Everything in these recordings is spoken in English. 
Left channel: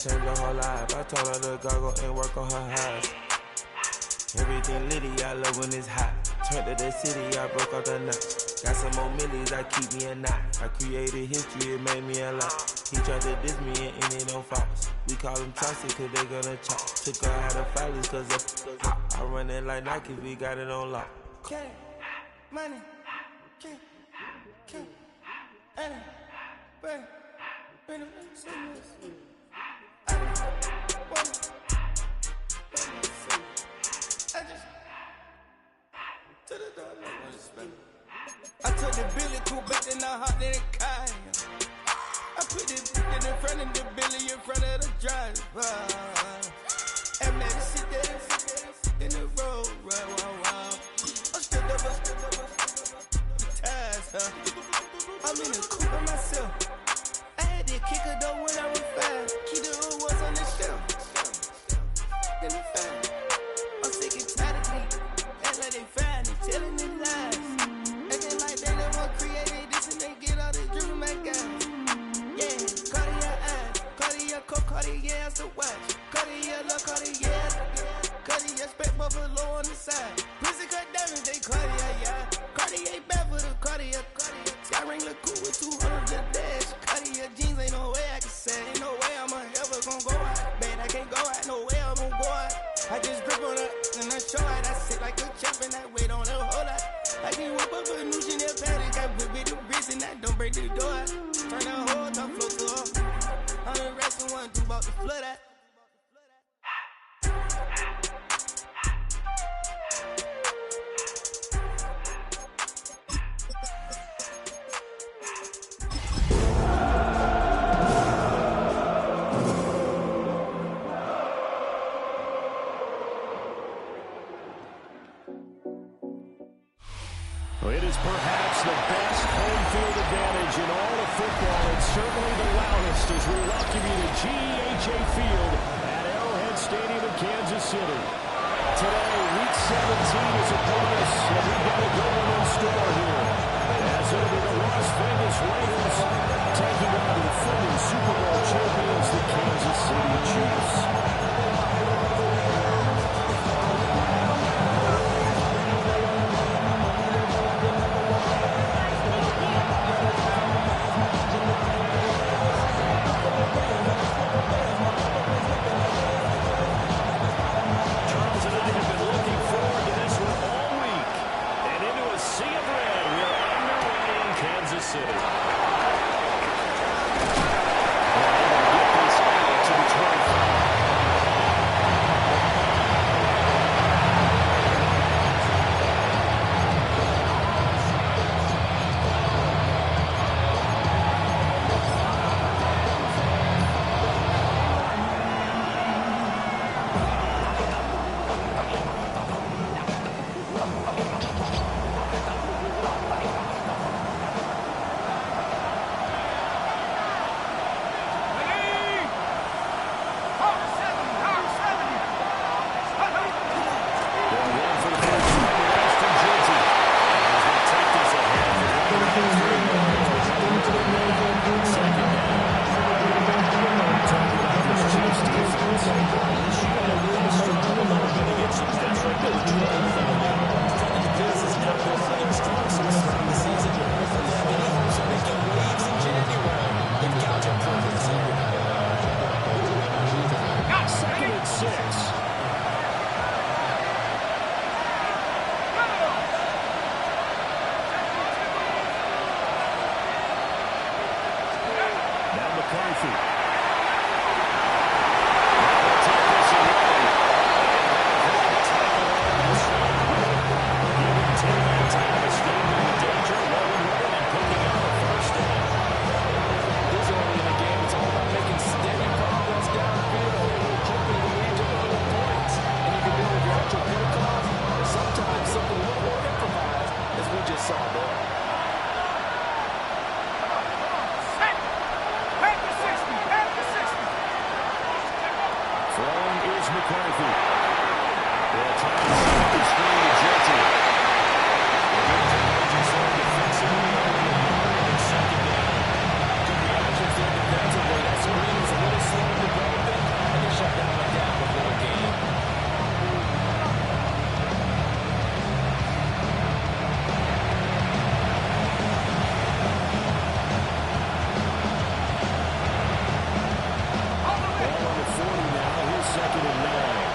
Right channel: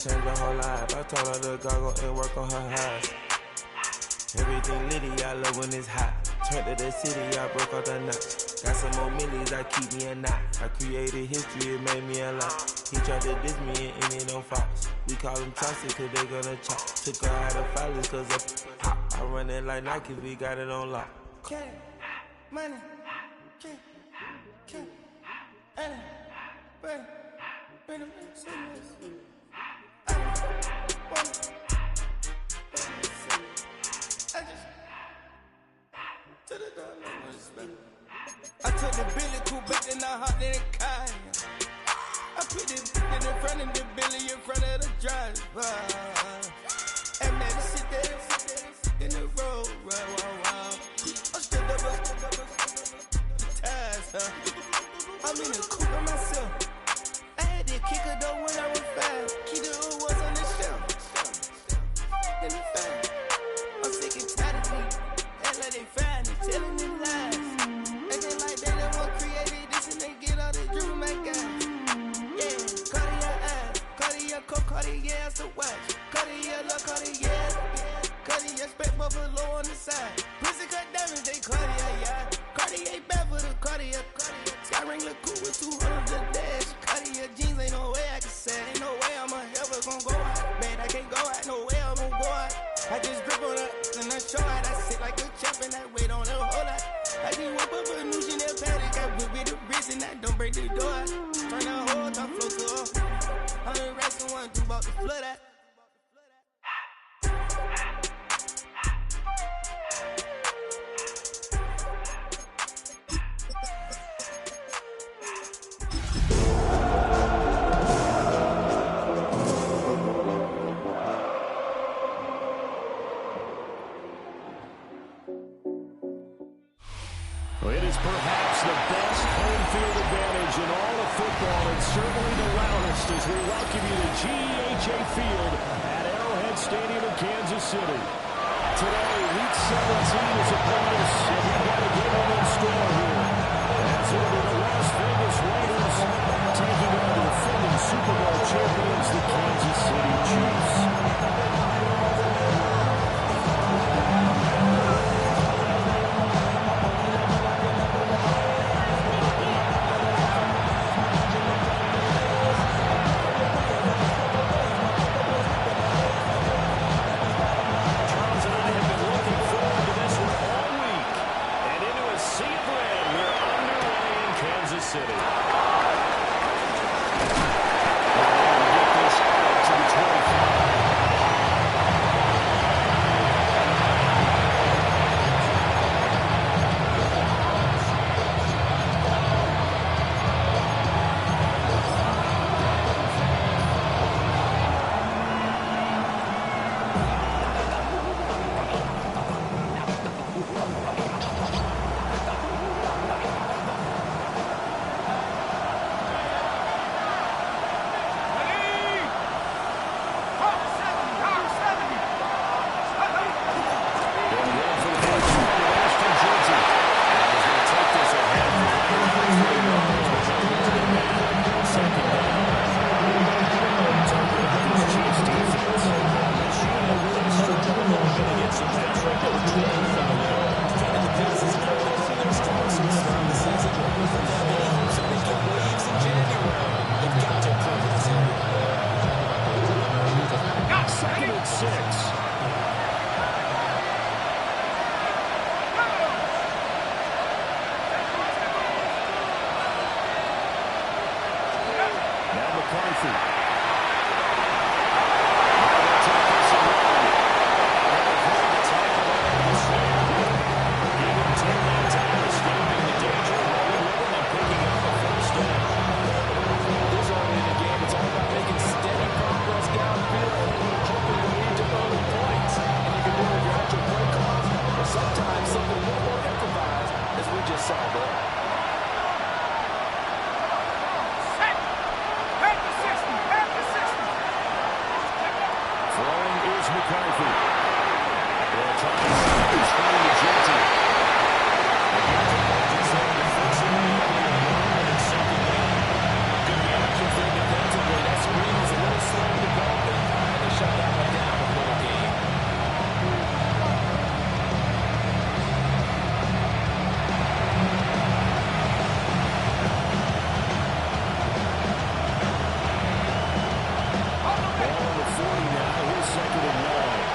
Change her whole life. I told her to go and work on her highs. Everything litty, I love when it's hot. Turned to the city, I broke out the nuts. Got some more millies, that keep me a knot. I created history, it made me a lot. He tried to diss me and it on Fox. We call them Chaucer cause they gonna chop. Took her out of filers cause of pop. I run it like Nike, we got it on lock. Cash, money, cash, money, money. I took the Billy cool back and I hopped in the car. I put the in front of the Billy in front of the driver. And made it sit there in the road, wow. I'm still double the ties, I'm in the coupe by myself. I had to kick her though when I was 5. Keep the old was on the shelf. In the fan. I'm sick and tired of me. Act like they find it, telling them lies. Acting like they the one created this and they get all this driven my guys. Yeah, Cartier eyes, Cartier coat, Cartier ass to watch. Cartier look, Cartier, Cartier spec buffalo on the side. Pussy cut diamonds, they Cartier, yeah. Cartier bad for the Cartier. Sky ring look cool with 200 the dash. Cartier jeans, ain't no way I can say. Ain't no way I'm ever gonna go out. Man, I can't go out, no way I'm gonna go out. I just grip on her and I show out. I sit like a champ and I wait on her whole lot. I just whip up a new Chanel paddock. I whip with the wrist and I don't break the door out. Turn the whole top flow to her. 100 racks and 1 2 about the flood out. It is perhaps the best home field advantage in all of football, and certainly the loudest as we welcome you to GEHA Field at Arrowhead Stadium in Kansas City. Today, Week 17 is upon us, and we've got a good one in store here. As it'll be the Las Vegas Raiders taking on the defending Super Bowl champions, the Kansas City Chiefs. City. We're able to get this out to the 25. Defensively, that screen was a little slow in developing. Ball on the 40 now. Here's 2nd and 9.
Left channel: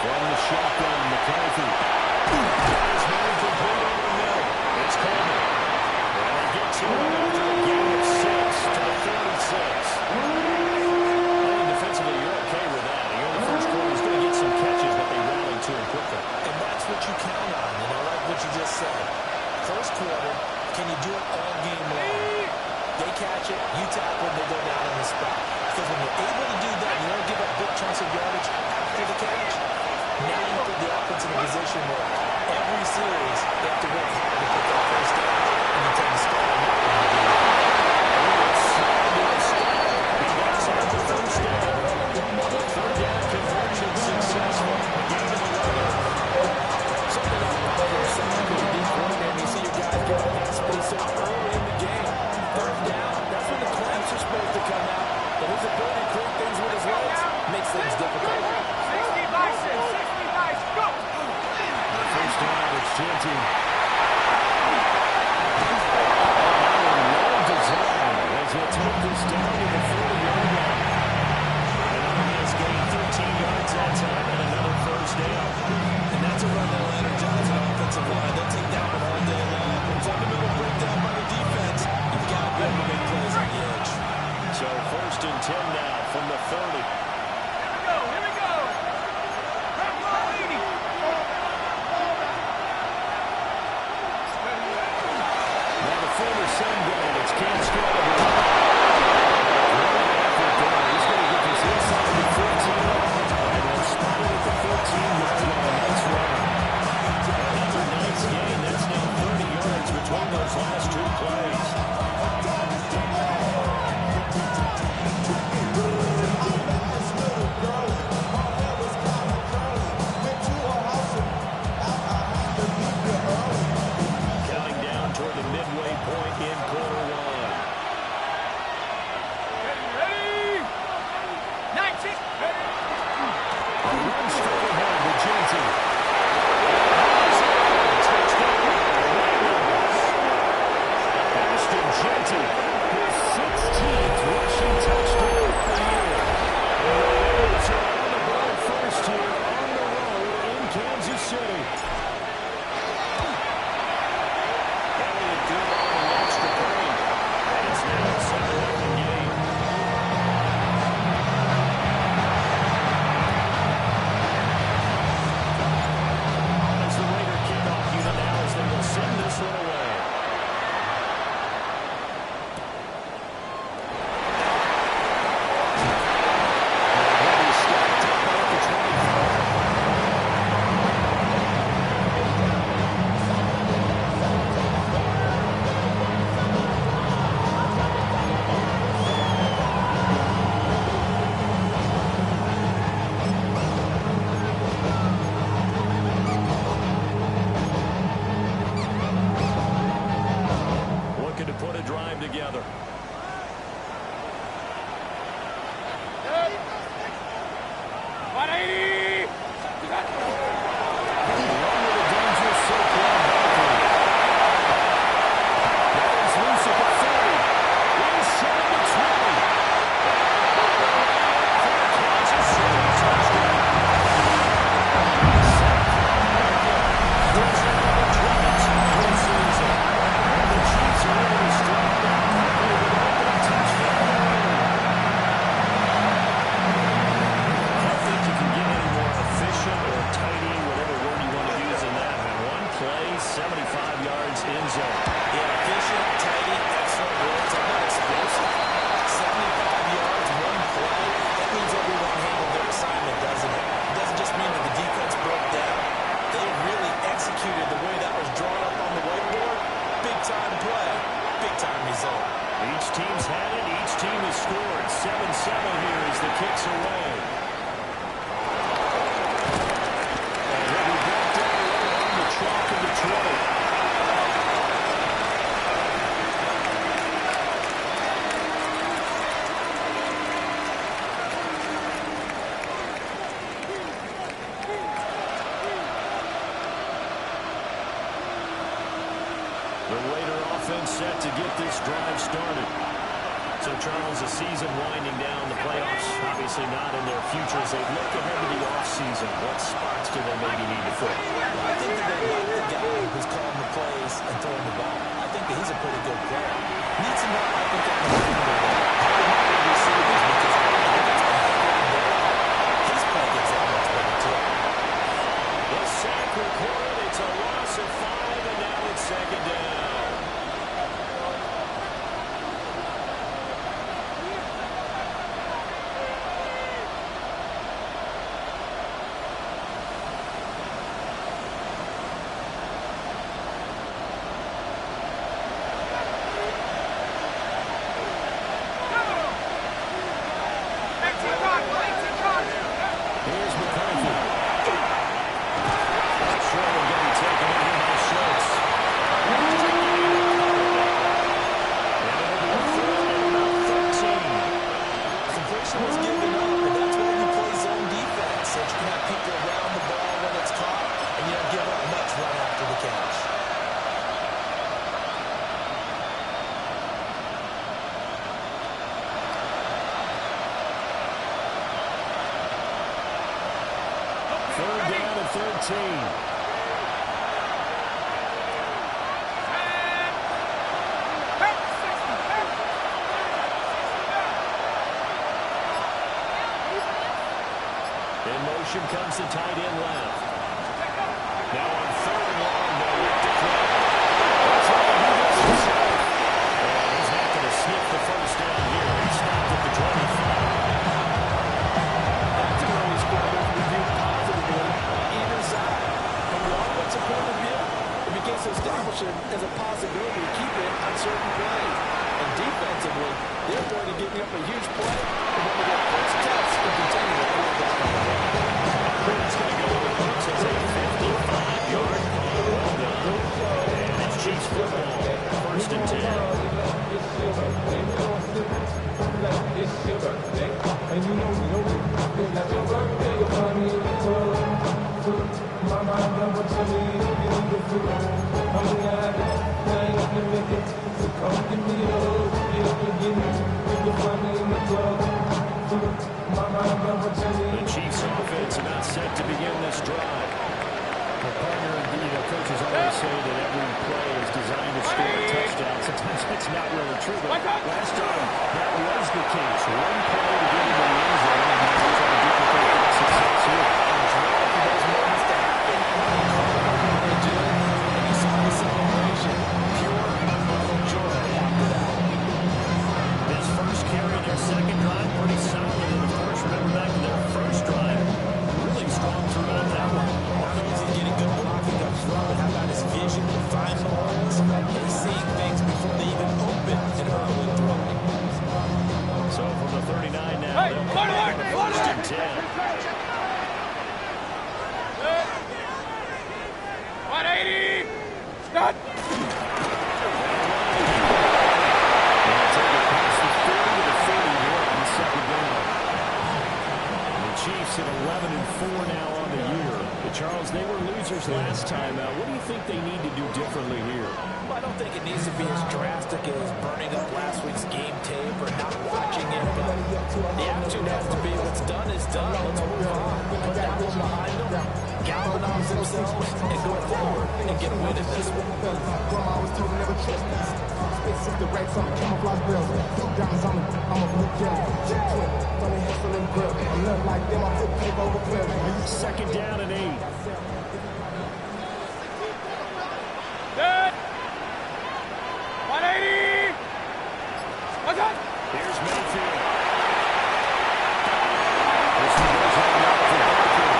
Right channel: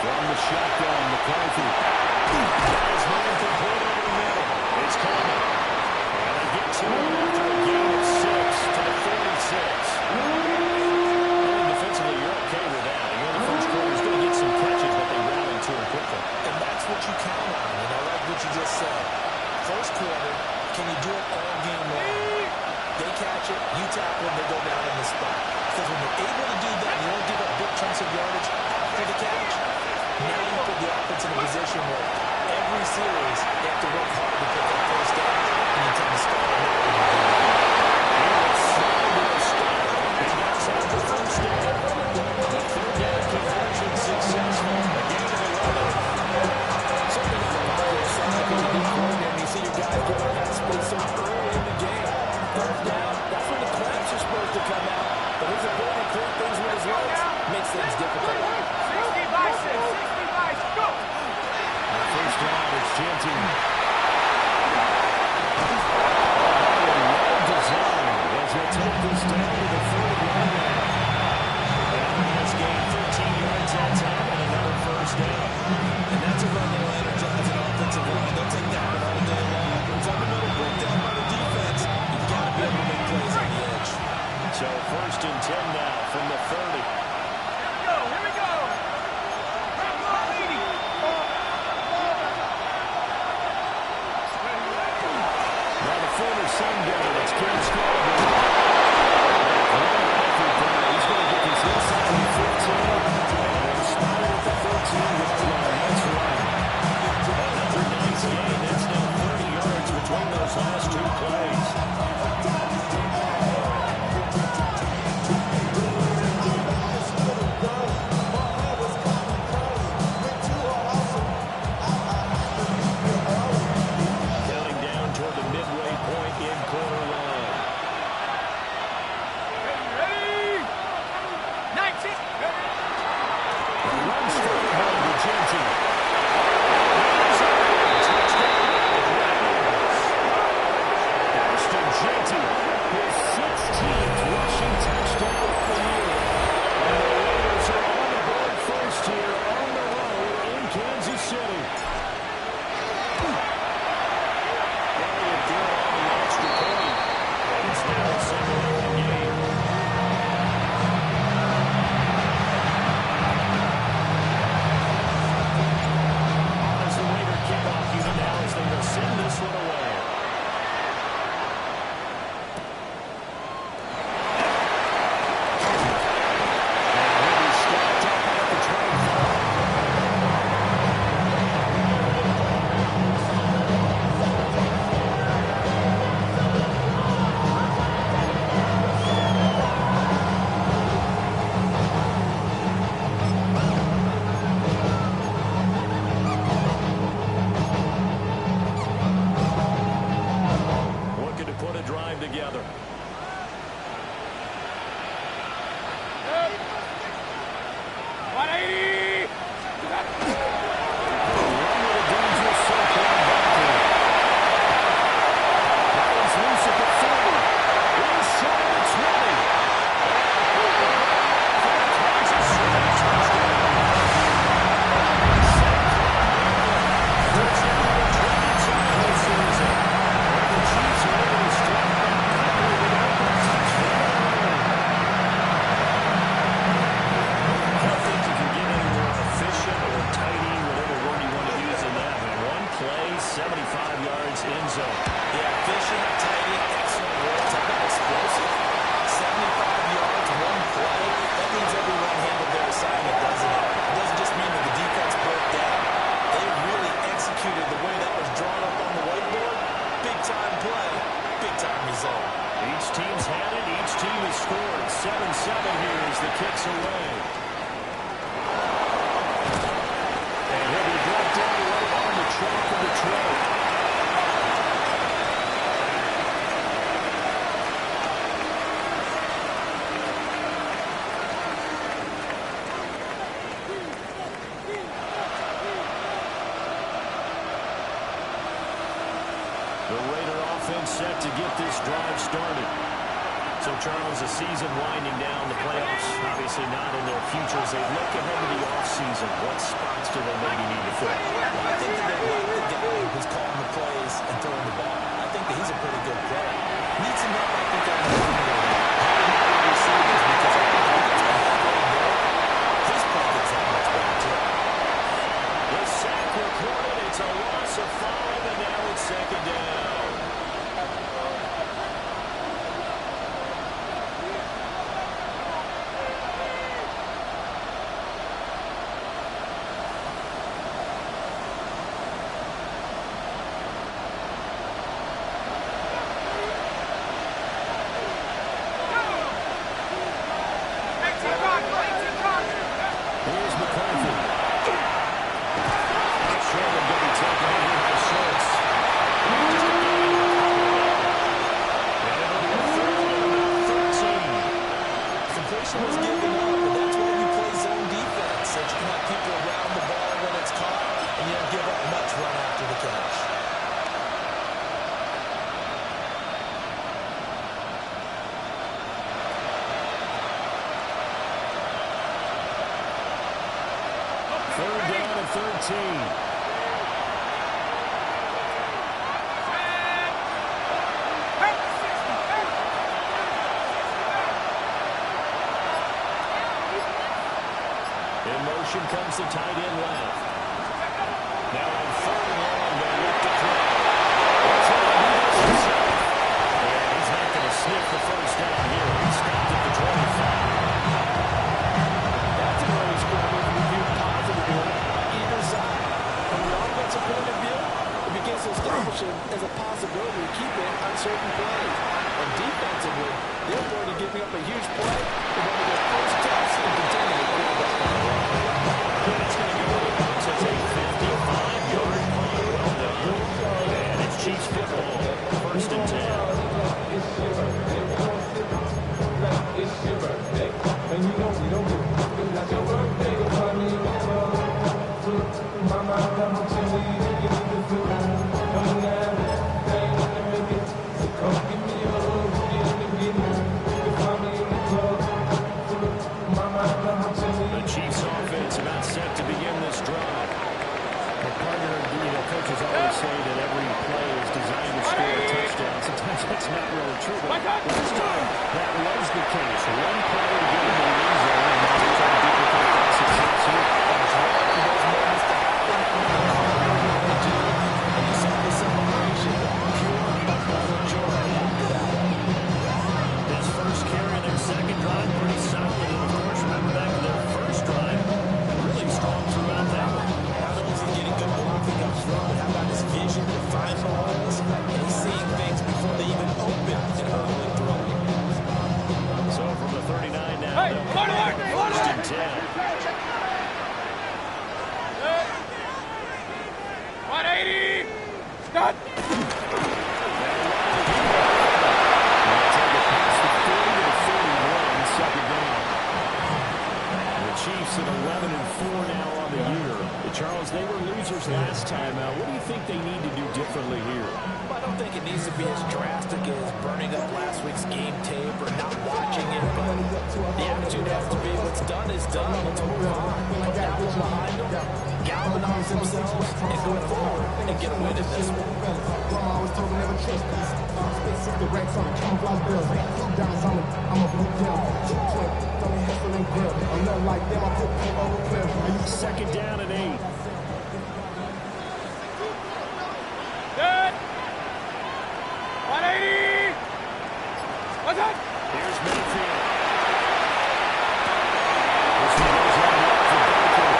From the shotgun, McCarthy. His man complete over the middle. It's Coleman. And they get to him after a gain of 6 to the 46. I think defensively you're okay with that. You know the first quarter is going to get some catches, but they rally to him quickly. And that's what you count on, and I like what you just said. First quarter, can you do it all game long? They catch it, you tackle it, they go down on the spot. Because when you're able to do that, you don't give up big chunks of yardage after the catch. Now you put the offense in a position where every series they have to work hard to pick up first down, and you tend to stall them out when you do that. He gets out the first down. The third down conversion successful. A gain of 11. Certainly not a popular sign because you did coordinate. You see your guys get on that space so early in the game. Third down, that's when the clamps are supposed to come out. But his ability to create things with his legs makes things difficult. 60 by 6, 60 by 6, go! First down, it's Genty. Well designed as they take this down to the 40-yard line. And on his gain, 13 yards that time and another first down. And that's a run that'll energize an offensive line. They'll take that one all day long. When fundamental breakdown by the defense, you've got to be able to make plays on the edge. So 1st and 10 now from the 30. Here we go. Now the former Sun Devil, it's Cam Scalabrini. He's going to get this inside the 15, and they'll spot it at the 14-yard line. Nice run. Another nice gain. That's now 30 yards between those last 2 plays. Toward the midway point in quarter 1. Ready? 19. Run straight ahead to Genty. Touchdown, Ravens. Ashton Genty, his 16th rushing touchdown of the year. And the Ravens are on the board first here on the road in Kansas City. Good on the extra point, and it's now a 7-0 game. On as the Raider kickoff unit now as they will send this one away. And he'll be stopped at the 25. To put a drive together. Each team's had it. Each team has scored. 7-7 here as the kicks away. And he'll be brought down right on the chalk of the 20. The Raider offense set to get this drive started. So, Charles, the season winding down, the playoffs obviously not in their future as they look ahead to the offseason. What spots do they maybe need to fill? Well, I think that they like the guy who's calling the plays and throwing the ball. I think that he's a pretty good player. Needs some help, I think, on the perimeter. How receivers, because I think he gets behind there. His play gets that much better, too. The sack recorded. It's a loss of 5, and now it's second down. Here's McCarthy. Short one getting taken in here by Schultz. Just a gain of a couple there. And it'll be a third and about 13. Completion was given up, and that's why you play zone defense, so you can have people around the ball when it's caught, and you don't give up much run after the catch. Third down and 13. In motion comes the tight end left. Now on third and long, they look to throw. They'll try to do this himself. And he's not going to sniff the first down here. He stopped at the 25. That's an early score that can be viewed positively on either side. From the offensive point of view, it begins to establish it as a possibility to keep it on certain plays. And defensively, they're going to give up a huge play. They want to get first test and containing the quarterback on the run. That's going to go in the books as a 55-yard punt. Well done. And it's Chiefs football. First and 10. And you know we don't feel like your birthday, you'll find me in the club. Mama, I got what you need, you need to feel. I'm in the habit, I ain't gonna make it. So come give me a hug, get me. You can find me in the club. Mama, I got what you need. The Chiefs offense about set to begin this drive. Well, partner, coaches always say that every play is designed to score a touchdown. Sometimes that's not really true, but last time that was the case. One play to get into the end zone, and now they're trying to duplicate that success here. And it's rare for those moments to happen. They do, and you saw the celebration. Pure, unbridled joy after that. His first carry of their second drive, pretty solid. And, of course, remember back to their first drive, really strong throughout that one. Not only is he getting good blocking up front, but how about his vision to find the holes? And he's seeing things before they even open and hurling through. So from the 39 now, they'll come back with first and 10. 180! Stop! They'll take it past the 40 to the 41, second down. And the Chiefs at 11-4 now on the year. Charles, they were losers last time out. What do you think they need to do differently here? Well, I don't think it needs to be as drastic as burning up last week's game tape or not watching it, but the attitude has to be what's done is done. Let's move on. Put that one behind them, galvanize themselves, and go forward and get a win in this one. Grandma always told me never trust these. Space the racks on the camouflage bells. Blue diamonds on me, I'm a blue yellow. Chip twin, Tony Hessel and Grill. I'm nothing like them, I put paper over pleasure. Second down and 8. Good! 180! What's that? Here's Mayfield. This one goes on well for Barker.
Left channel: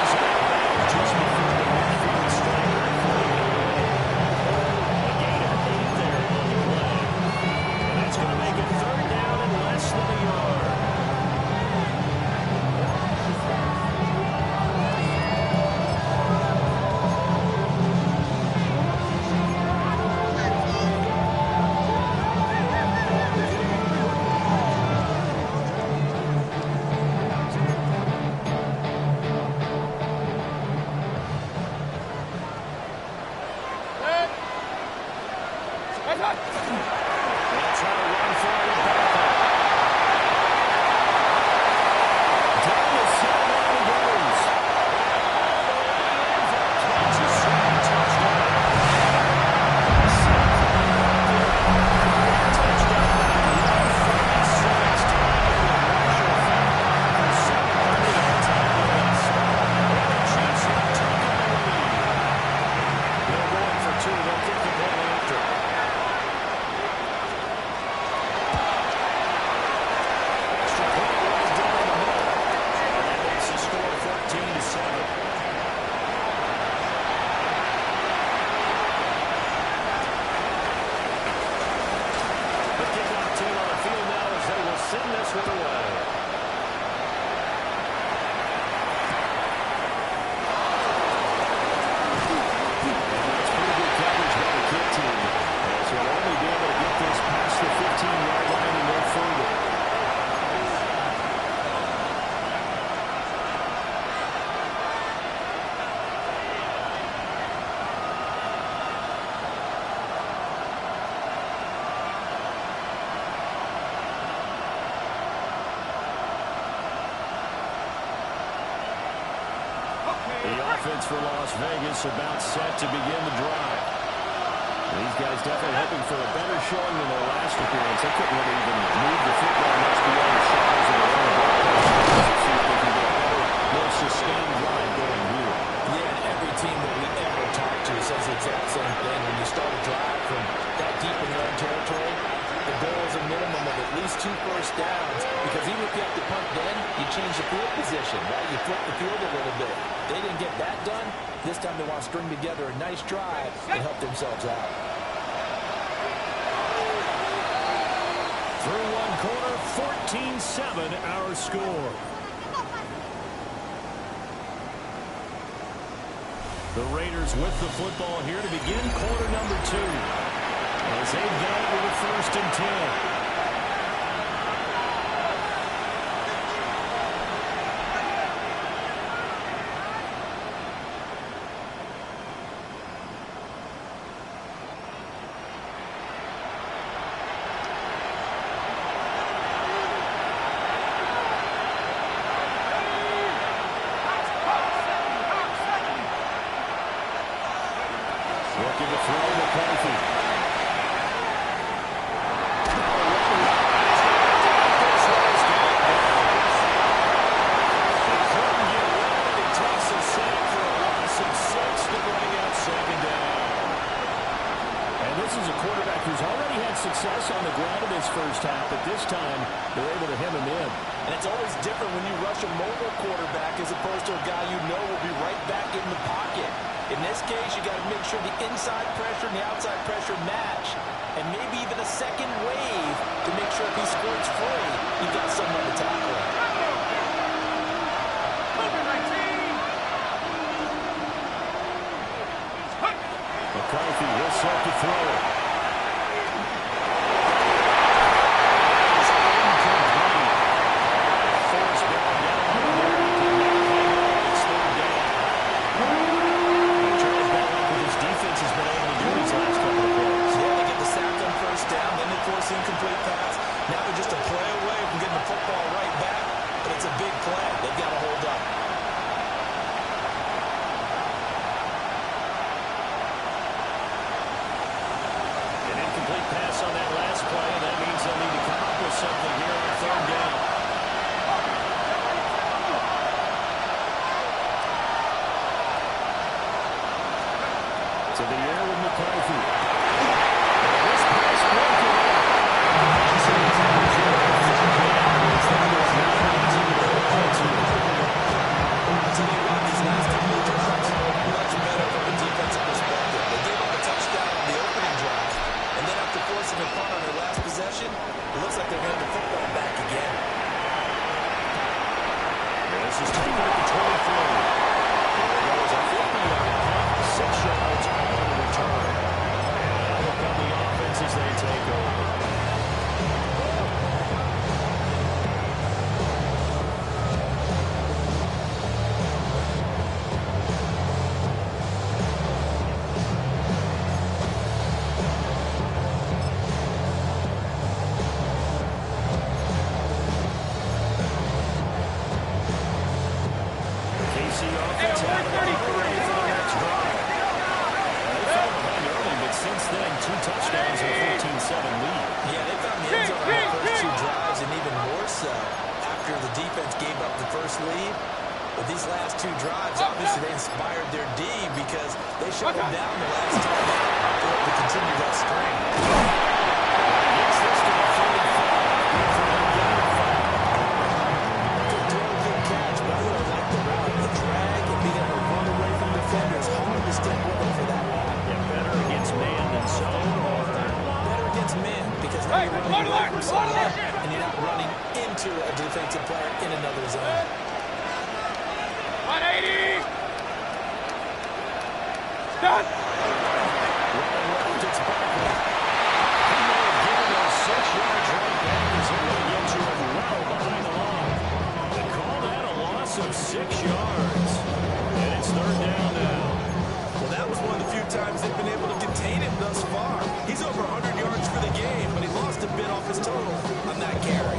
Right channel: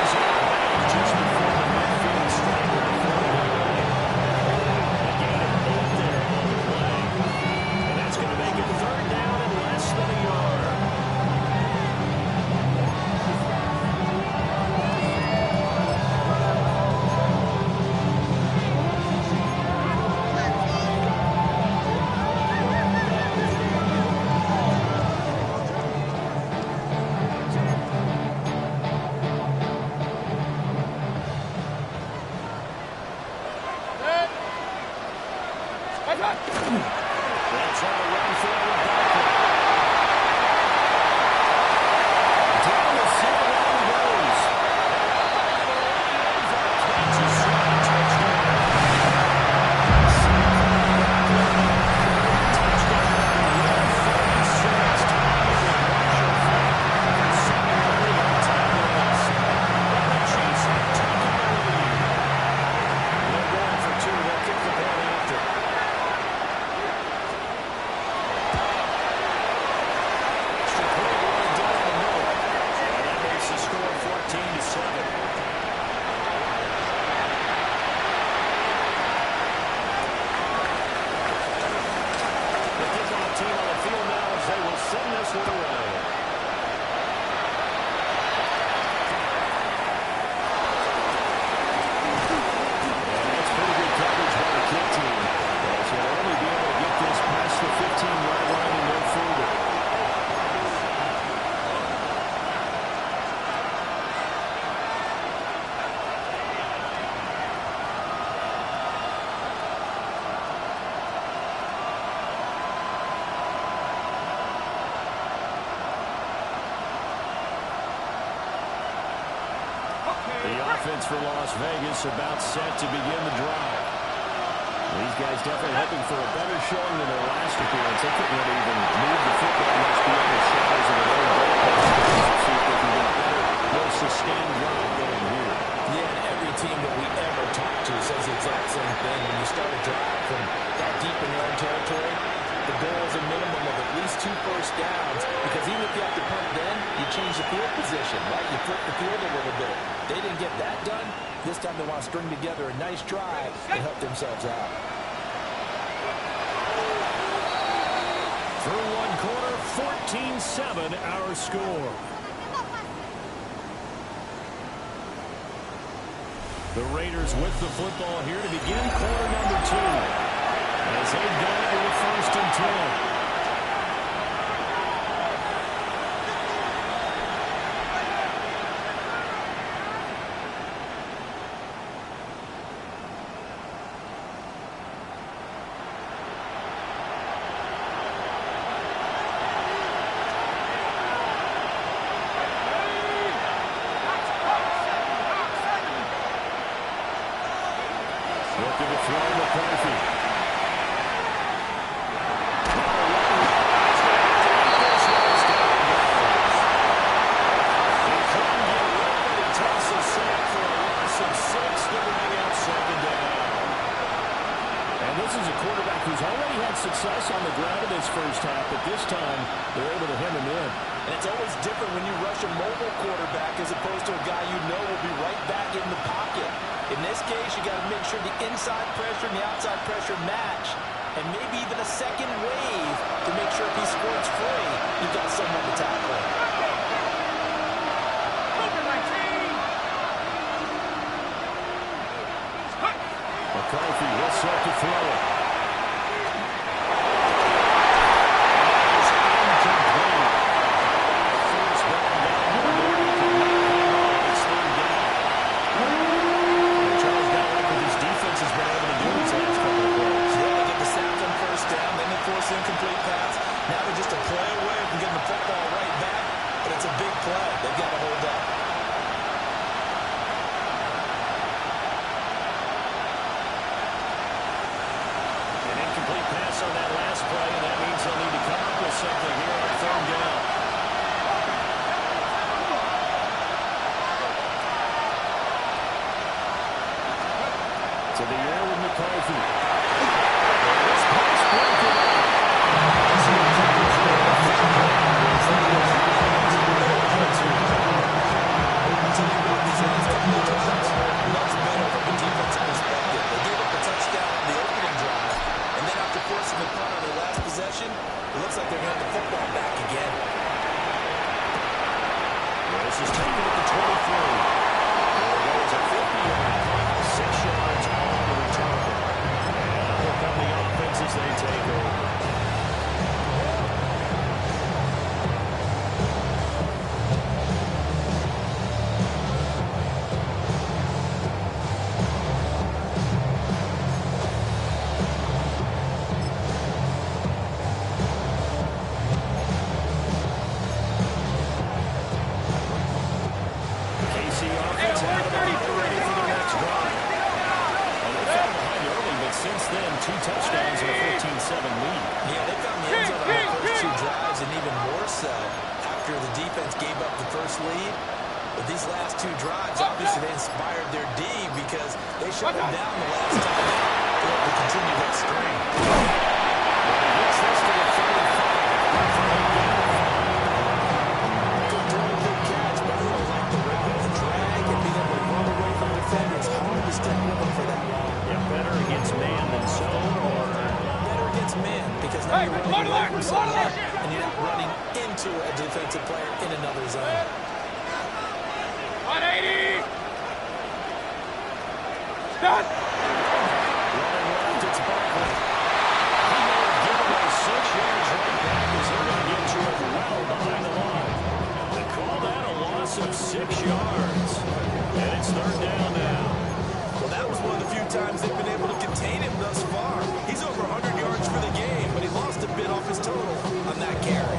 He's out of bounds just before the midfield striker at 49. A gain of 8 there on the play. And that's going to make it third down and less than a yard. They'll try to run forward Barkley. Down the sideline he goes. All the way in for a Kansas City touchdown. Touchdown by 146. Tied with Marshall Faulk for 7:30 on time limits. And the Chiefs have taken the lead. They're going for two. They'll kick the point after. Extra point rolled down the middle. And that makes the score 14-7. The kickoff team on the field now as they will send this one away. And that's pretty good coverage by the kick team, as he'll only be able to get this past the 15-yard line and no further. The offense for Las Vegas about set to begin the drive. These guys definitely hoping for a better showing than their last appearance. They couldn't really even move the football much beyond the shadows of their own goalpost. Let's see if they can get a better, more sustained drive going here. Yeah, and every team that we ever talk to says the exact same thing. When you start a drive from that deep in your own territory, the goal is a minimum of at least 2 first downs, because even if you have to punt then, you change the field position, right? You flip the field a little bit. They didn't get that done. This time they want to string together a nice drive and help themselves out. Through one quarter, 14-7 our score. The Raiders with the football here to begin quarter number 2. As they've got it with a 1st and 10. Looking to throw McCarthy. This is a quarterback who's already had success on the ground in this first half, but this time they're able to hem him in. And it's always different when you rush a mobile quarterback as opposed to a guy you know will be right back in the pocket. In this case, you got to make sure the inside pressure and the outside pressure match, and maybe even a second wave to make sure if he squirts free, you've got someone to tackle him. McCarthy will set to throw it. That is incomplete. Force ball down there. He cannot hang on. It's 3rd down. And Charles got like what his defense has been able to do these last couple of plays. Yeah, they get the sack on 1st down, then they force the incomplete pass. Now they're just a play away from getting the football right back, but it's a big play. They've got to hold up. Complete pass on that last play, and that means they'll need to come up with something here on 3rd down. To the air with McCarthy. And this pass broken up. I'll tell you what, these last couple of drives, much better from a defensive perspective. They gave up a touchdown on the opening drive, and then after forcing a punt on their last possession, it looks like they're getting the football back again. This is taken at the 23. There it goes, a 50-yard punt, 6 yards on the return. And out will come the offense as they take over. offense out of order, ready for their next drive. And they fell behind early, but since then, 2 touchdowns and a 14-7 lead. Yeah, they found the end zone on their first 2 drives, and even more so after the defense gave up the first lead. But these last 2 drives, obviously they inspired their D because they shut them down the last time out. They hope to continue that string. He gets this to the 35 for a gain of 5. Good throw, good catch, but I really like the route. The drag and being able to run away from defenders, hard to stick with them for that long. Yeah, better against man than zone, or better against man because now you're running away from someone and you're not running into a defensive player in another zone. 180! Done! running left, it's Barkley. He may have given those 6 yards right back as they're going to get to him well behind the line. They call that a loss of 6 yards. And it's 3rd down now. Well, that was one of the few times they've been able to contain him thus far. He's over 100 yards for the game, but he lost a bit off his total on that carry.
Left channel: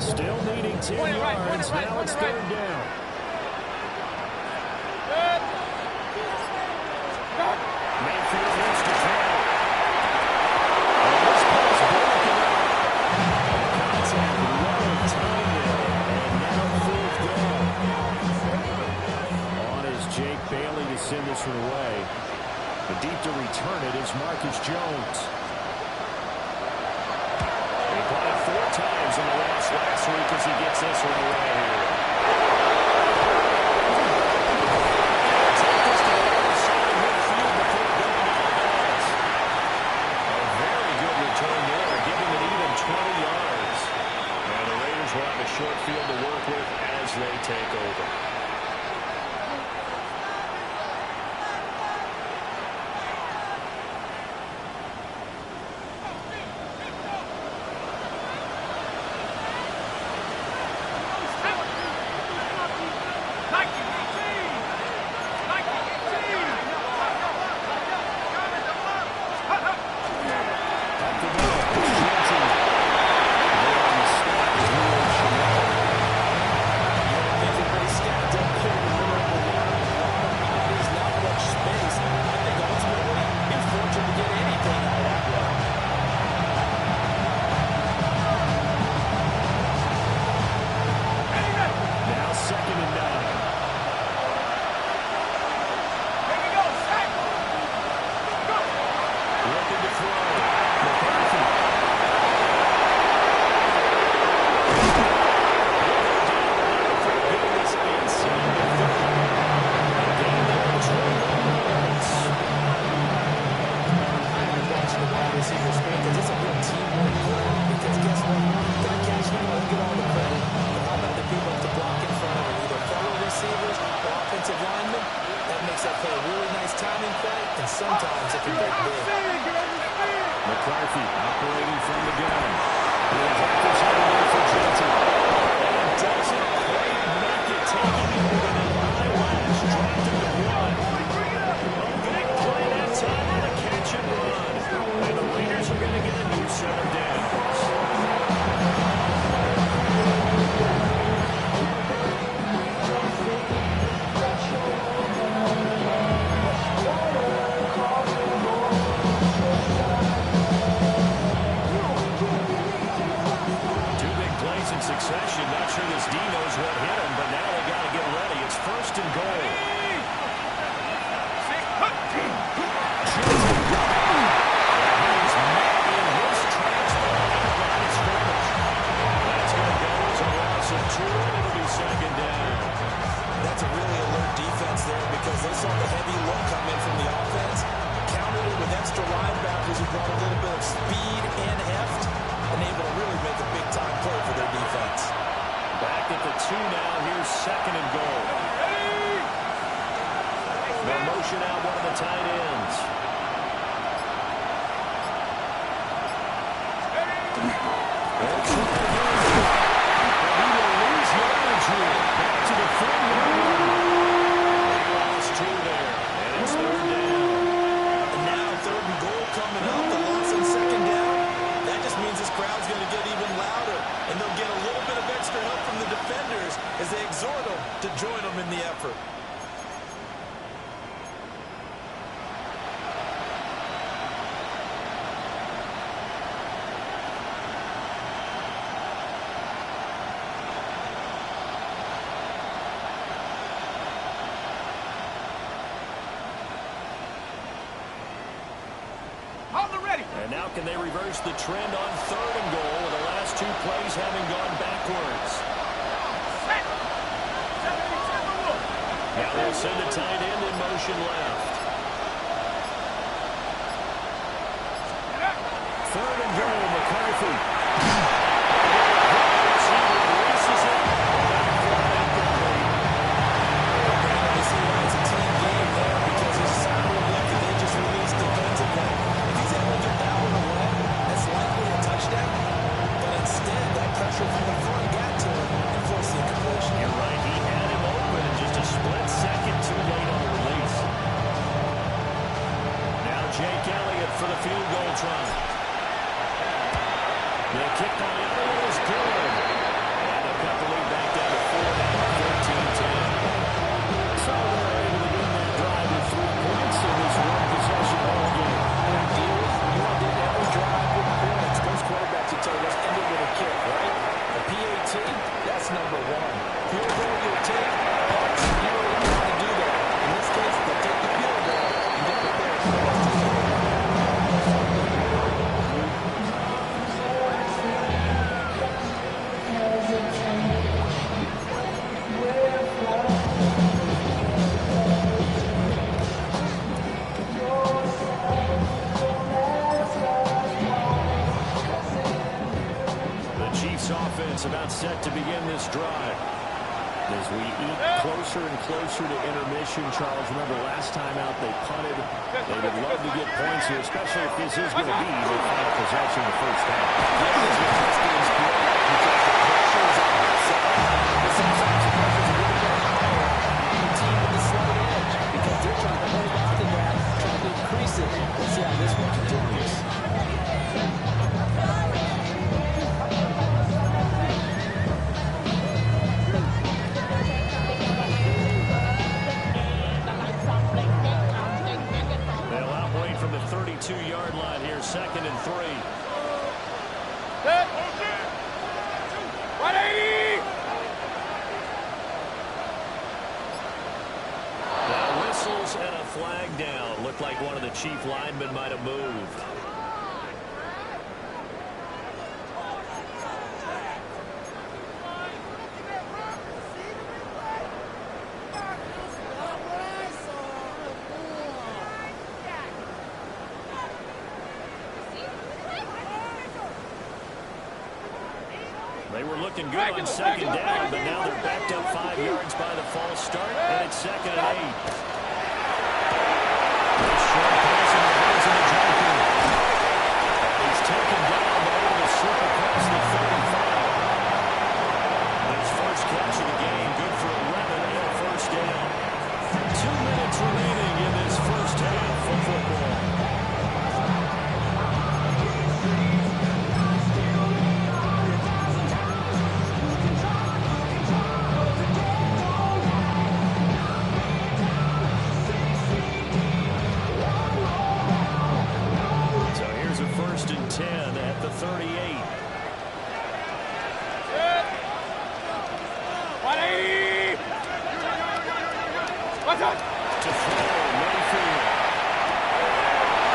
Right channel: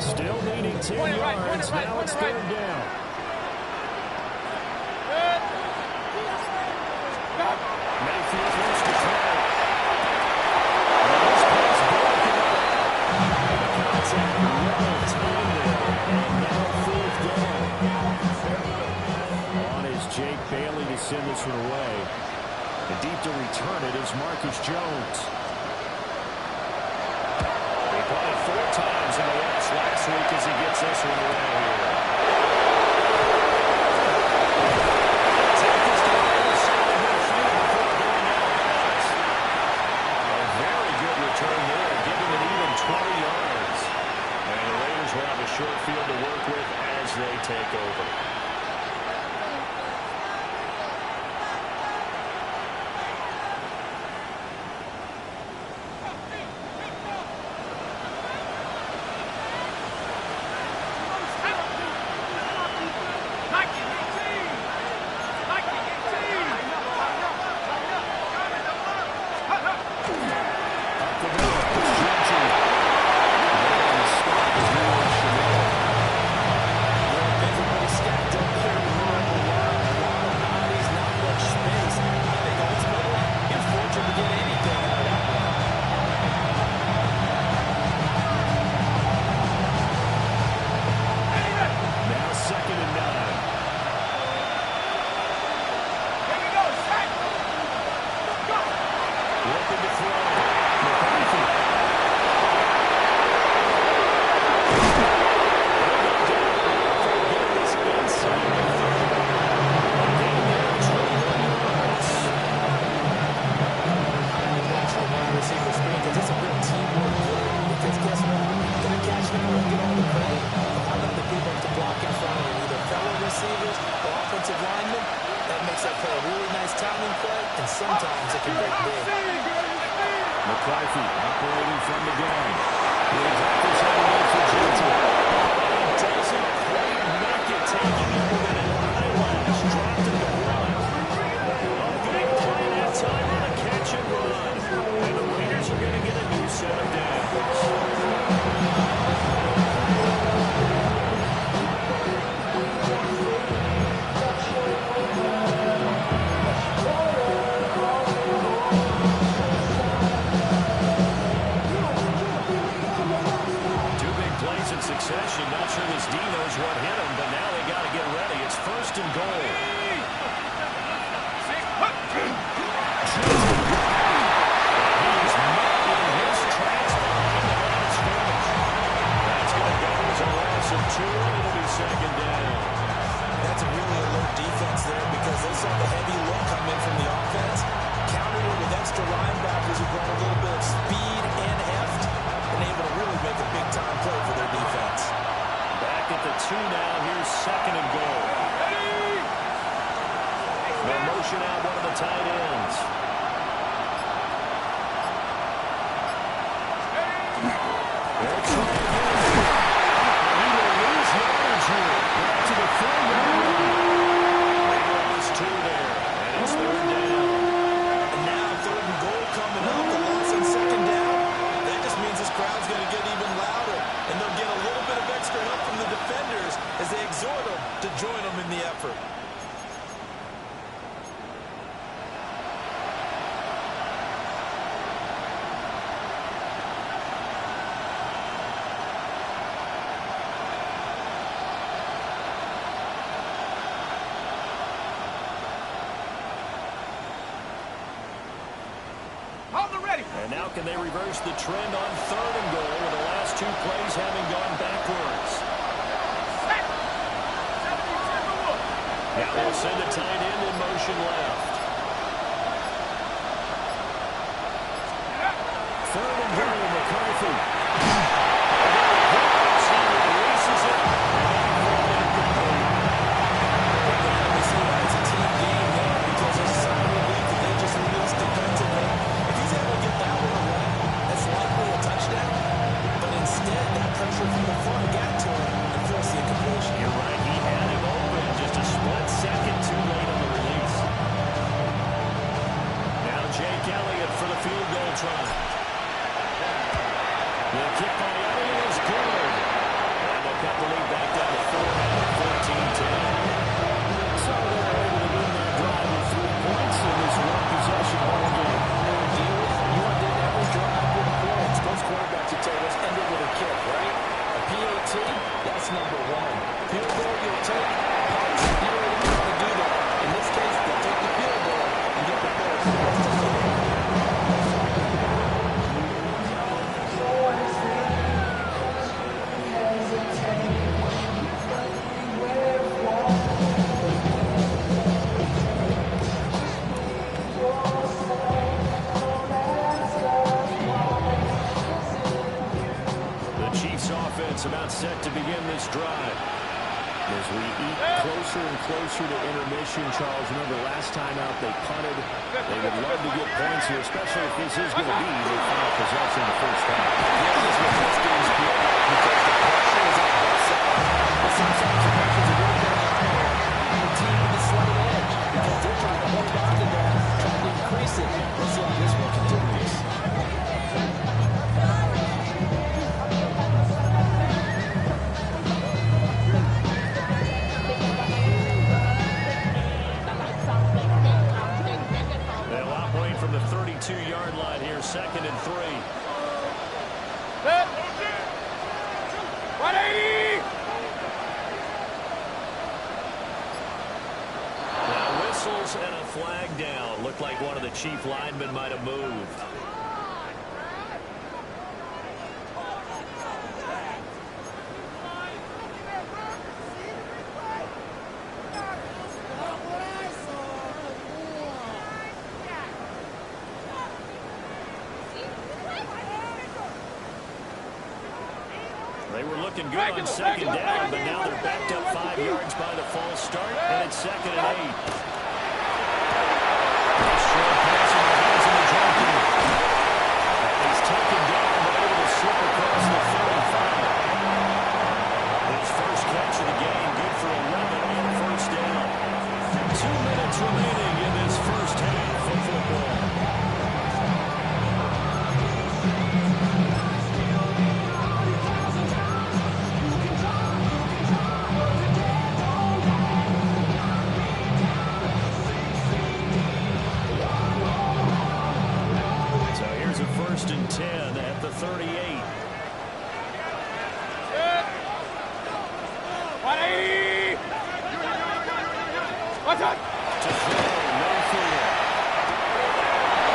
Still needing 10 yards. Now it's 3rd down. Mayfield wants to throw. And this pass broken up. And the contact well timed there. And now 4th down. On is Jake Bailey to send this one away. And deep to return it is Marcus Jones. He punted 4 times in the loss last week as he gets this one away here. He'll take this to the other side of midfield before going out of bounds. A very good return there, giving it even 20 yards. And the Raiders will have a short field to work with as they take over. McCarthy operating from the gun. He'll drop this head away for Johnson. And he doesn't quite make it, taking it with an eyelash. Dropped him to 1. A big play that time on a catch and run. And the Raiders are going to get a new set of downs. In succession, not sure this D knows what hit him, but now they got to get ready. It's 1st and goal. And he is met in his tracks behind the line of scrimmage. That's going to go as a loss of 2, and it'll be 2nd down. That's a really alert defense there because they saw the heavy look come in from the offense, countered it with extra linebackers who brought a little bit of speed and heft, and able to really make a big-time play for their defense. Back at the 2 now. Here's 2nd and goal. They'll motion out one of the tight ends. They'll try again. He will lose yardage here. Back to the 4-yard line. They lost 2 there, and it's 3rd down. And now 3rd and goal coming up. The loss on 2nd down. defenders as they exhort them to join them in the effort. And now can they reverse the trend on 3rd and goal with the last 2 plays having gone backwards? Now they'll send a tight end in motion left. 3rd and goal, McCarthy. He releases it, and that ball incomplete. Brandon, we see why it's a team game there, because there's a sign of relief that they just released defensively. If he's able to get that one away, that's likely a touchdown. But instead, that pressure from the front got to him and forced the incompletion. You're right. He had him open just a split second too late on the release. Now Jake Elliott for the field goal try. The kick by Elliott is good. And they'll cut the lead back down to 4 now at 14-10. So they're able to begin that drive with 3 points in this one-possession ball game. And ideally, you want to end every drive with points. Most quarterbacks would tell you, let's end it with a kick, right? A PAT, that's number 1. Field goal you'll take. Punts, you really don't want to do that. In this case, they'll take the field goal and get prepared for the rest of the game. Offense about set to begin this drive. As we eat closer and closer to intermission, Charles, remember last time out they punted. They would love to get points here, especially if this is going to be their final possession in the first half. Yeah, this is what this game's great because the pressure is on both sides. But sometimes the pressure is a little bit higher on the team with the slight edge because they're trying to hold on to that, trying to increase it. We'll see how this one continues. From the 32-yard line here, 2nd and 3. 180! Now whistles and a flag down. Looked like one of the chief linemen might have moved. They were looking good on 2nd down, but now they're backed up 5 yards by the false start, and it's 2nd and 8. This short pass in the hands of the junkie. And he's taken down, but able to slip across the 35. His first catch of the game, good for 11 and a first down. 2 minutes remaining in this first half of football. A 1st and 10 at the 38. 180! What's up? To throw, Mayfield.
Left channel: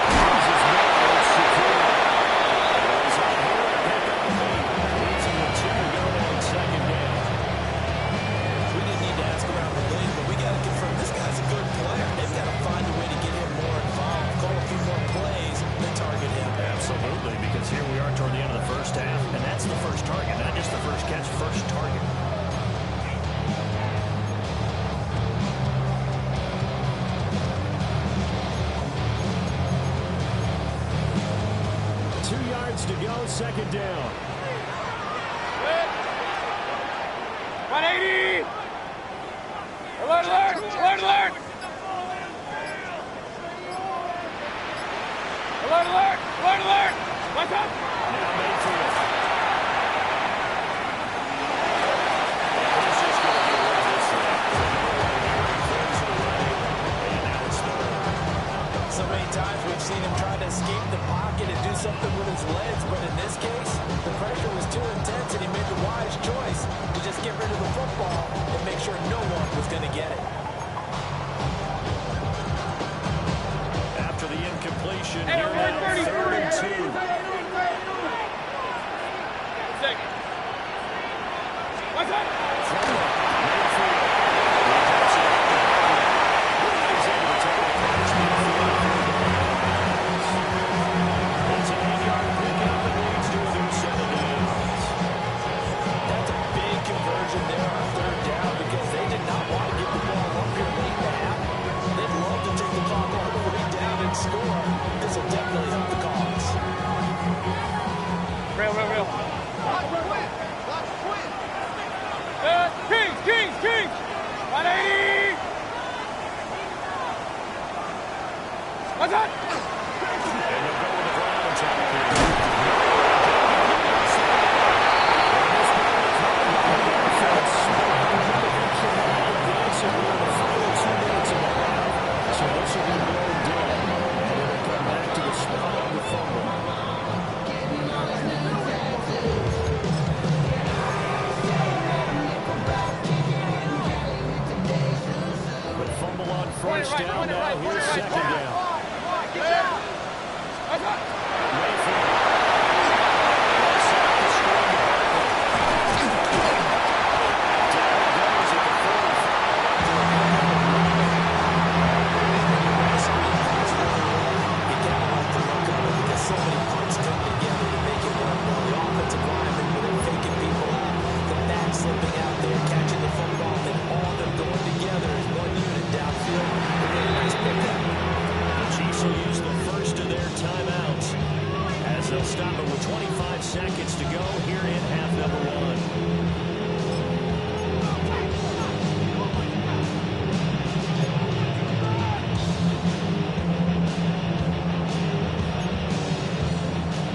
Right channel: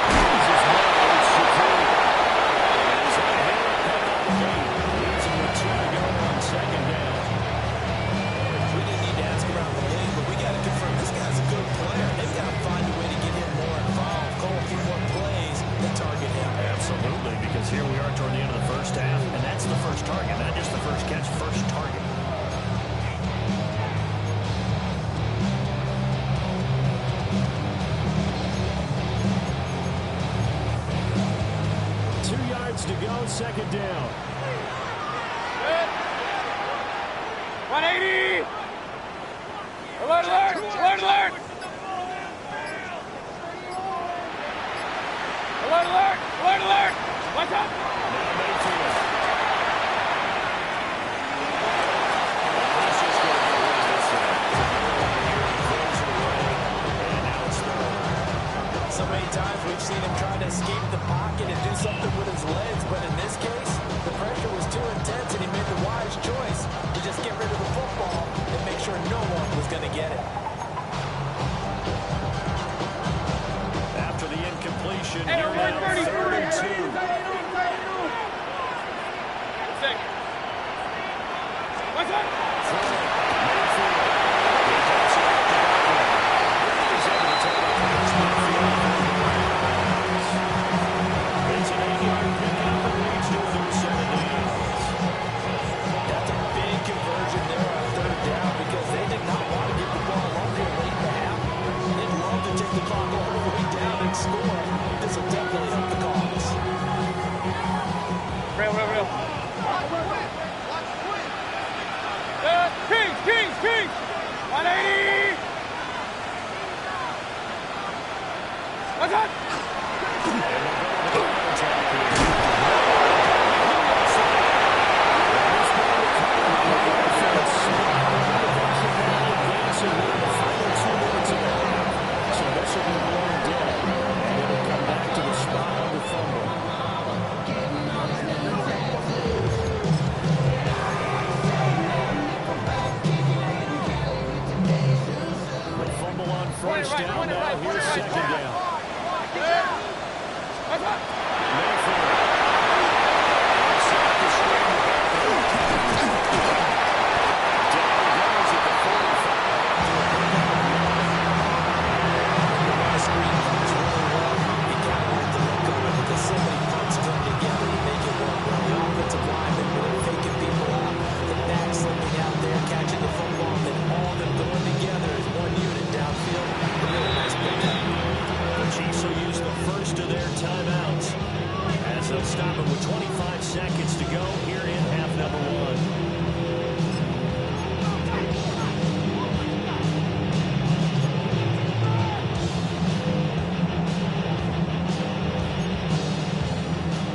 Uses well, it's secure. He's on here to pick up the lead. Leads him with 2 to go on 2nd down. We didn't need to ask around the league, but we got to confirm this guy's a good player. They've got to find a way to get him more involved, call a few more plays that target him. Absolutely, because here we are toward the end of the first half, and that's the first target, not just the first catch, first target. To go, 2nd down. 180! Alert, alert! Alert, alert! Alert, alert! Alert, alert! What's up? Now Mayfield. seen him try to escape the pocket and do something with his legs, but in this case, the pressure was too intense and he made the wise choice to just get rid of the football and make sure no one was going to get it. After the incompletion, here now, 3rd and 2. What's that? Mayfield. He dumps it out the ball. He's able to take it across midfield for a goal out of bounds. It's an 8-yard pickup and leads to a new set of downs. That's a big conversion there on 3rd down because they did not want to give the ball up here late in the half. They'd love to take the clock all the way down and score. This will definitely help the cause. Real. Watch quit. Kings. 180. What's that? And they'll go with the ground attack here. And this ball recovered by the offense. They can now advance it in the final 2 minutes of the half. So this will be blown dead. And it'll come back to the spot on the fumble. The fumble on first down now. Here's 2nd down. Mayfield. Set up the screen to Barkley. Down he goes at the 45 after a pickup of 9. The screen pass really well. You gotta like the look of it because so many parts come together to make it work well. The offensive linemen, when they're faking people out, the back slipping out there, catching the football, and then all of them going together as one unit downfield. A really nice pickup. The Chiefs will use the first of their timeouts as they'll stop it with 25 seconds to go here in half number 1.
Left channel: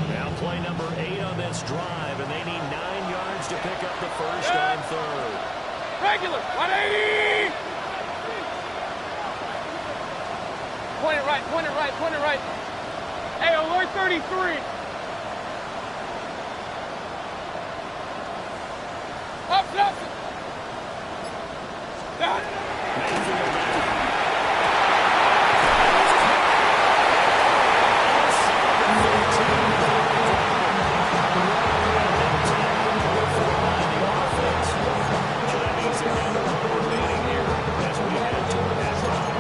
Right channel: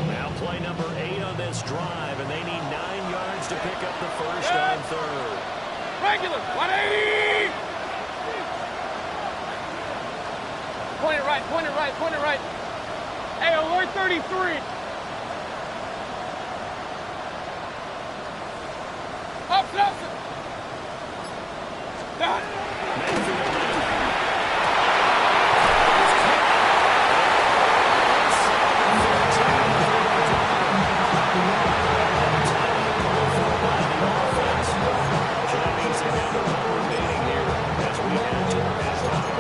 Now play number 8 on this drive, and they need 9 yards to pick up the first on 3rd. Regular. 180. Point it right. Hey, alert 33. Up. Down. Mayfield now. So that means they're down to 1 remaining here as we head toward halftime.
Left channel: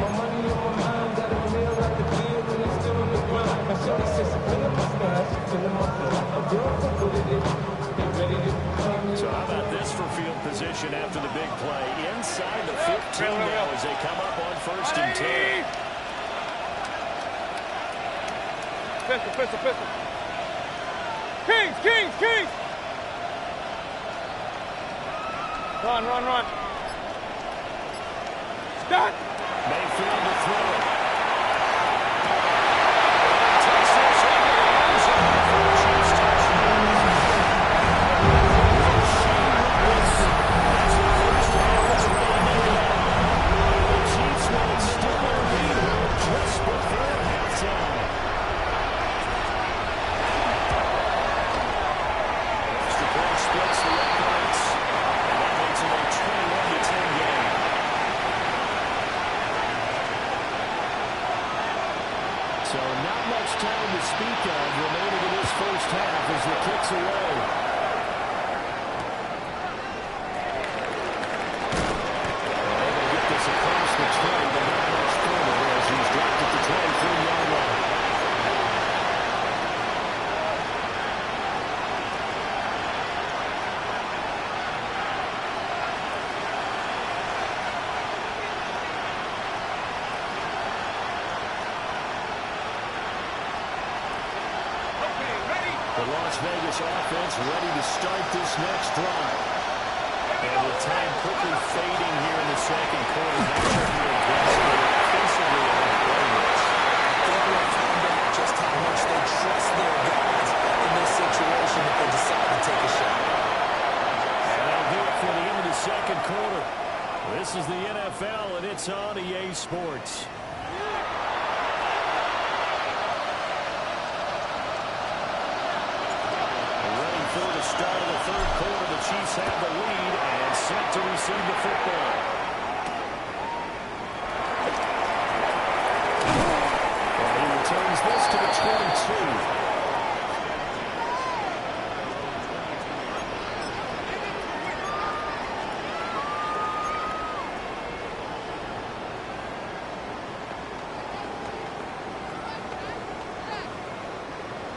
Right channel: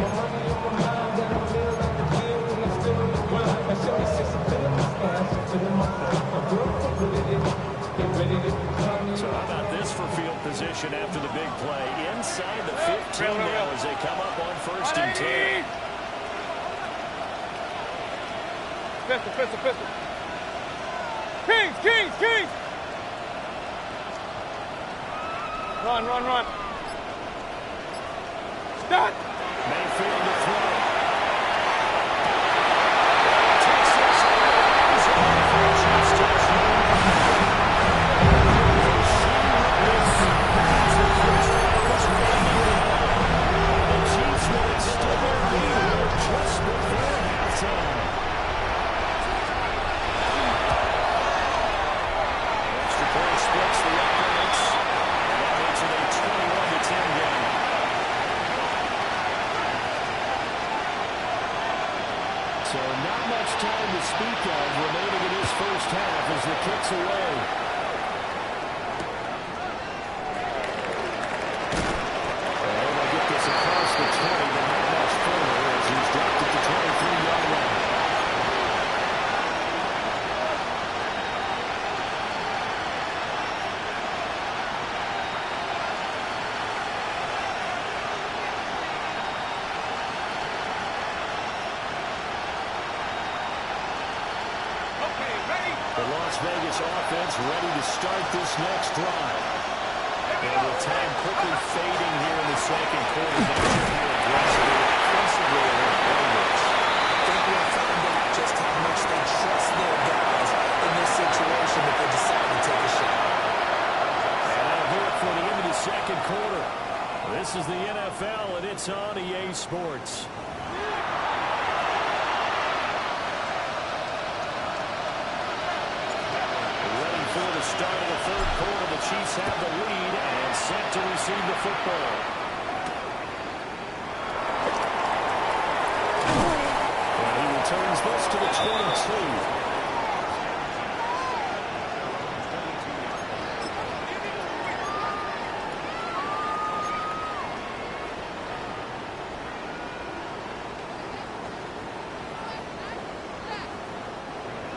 My money on my mind, got a meal out the field, and I'm still on the grind. And Shorty says she feeling my style, she feeling my flow. A girl competitive, get ready to call me. So how about this for field position after the big play? Inside the 15 now as they come up on 1st and 10. Pistol. Kings. Run. Start. Mayfield to throw. Chiefs touchdown. Rasheed Rice as the first half is ready to go. And the Chiefs will extend their lead here just before halftime. Extra point splits the uprights, and that makes it a 21-10 game. So not much time to speak of remaining in this first half as the kick's away. And they'll get this across the 20, but not much further as he's dropped at the 23-yard line. The Las Vegas offense ready to start this next drive. And with time quickly fading here in the second quarter, they should be aggressive offensively and then play this. I think we'll find out just how much they trust their guys in this situation if they decide to take a shot. And that'll do it for the end of the second quarter. This is the NFL, and it's on EA Sports. before the start of the third quarter. The Chiefs have the lead and set to receive the football. And he returns this to the 22.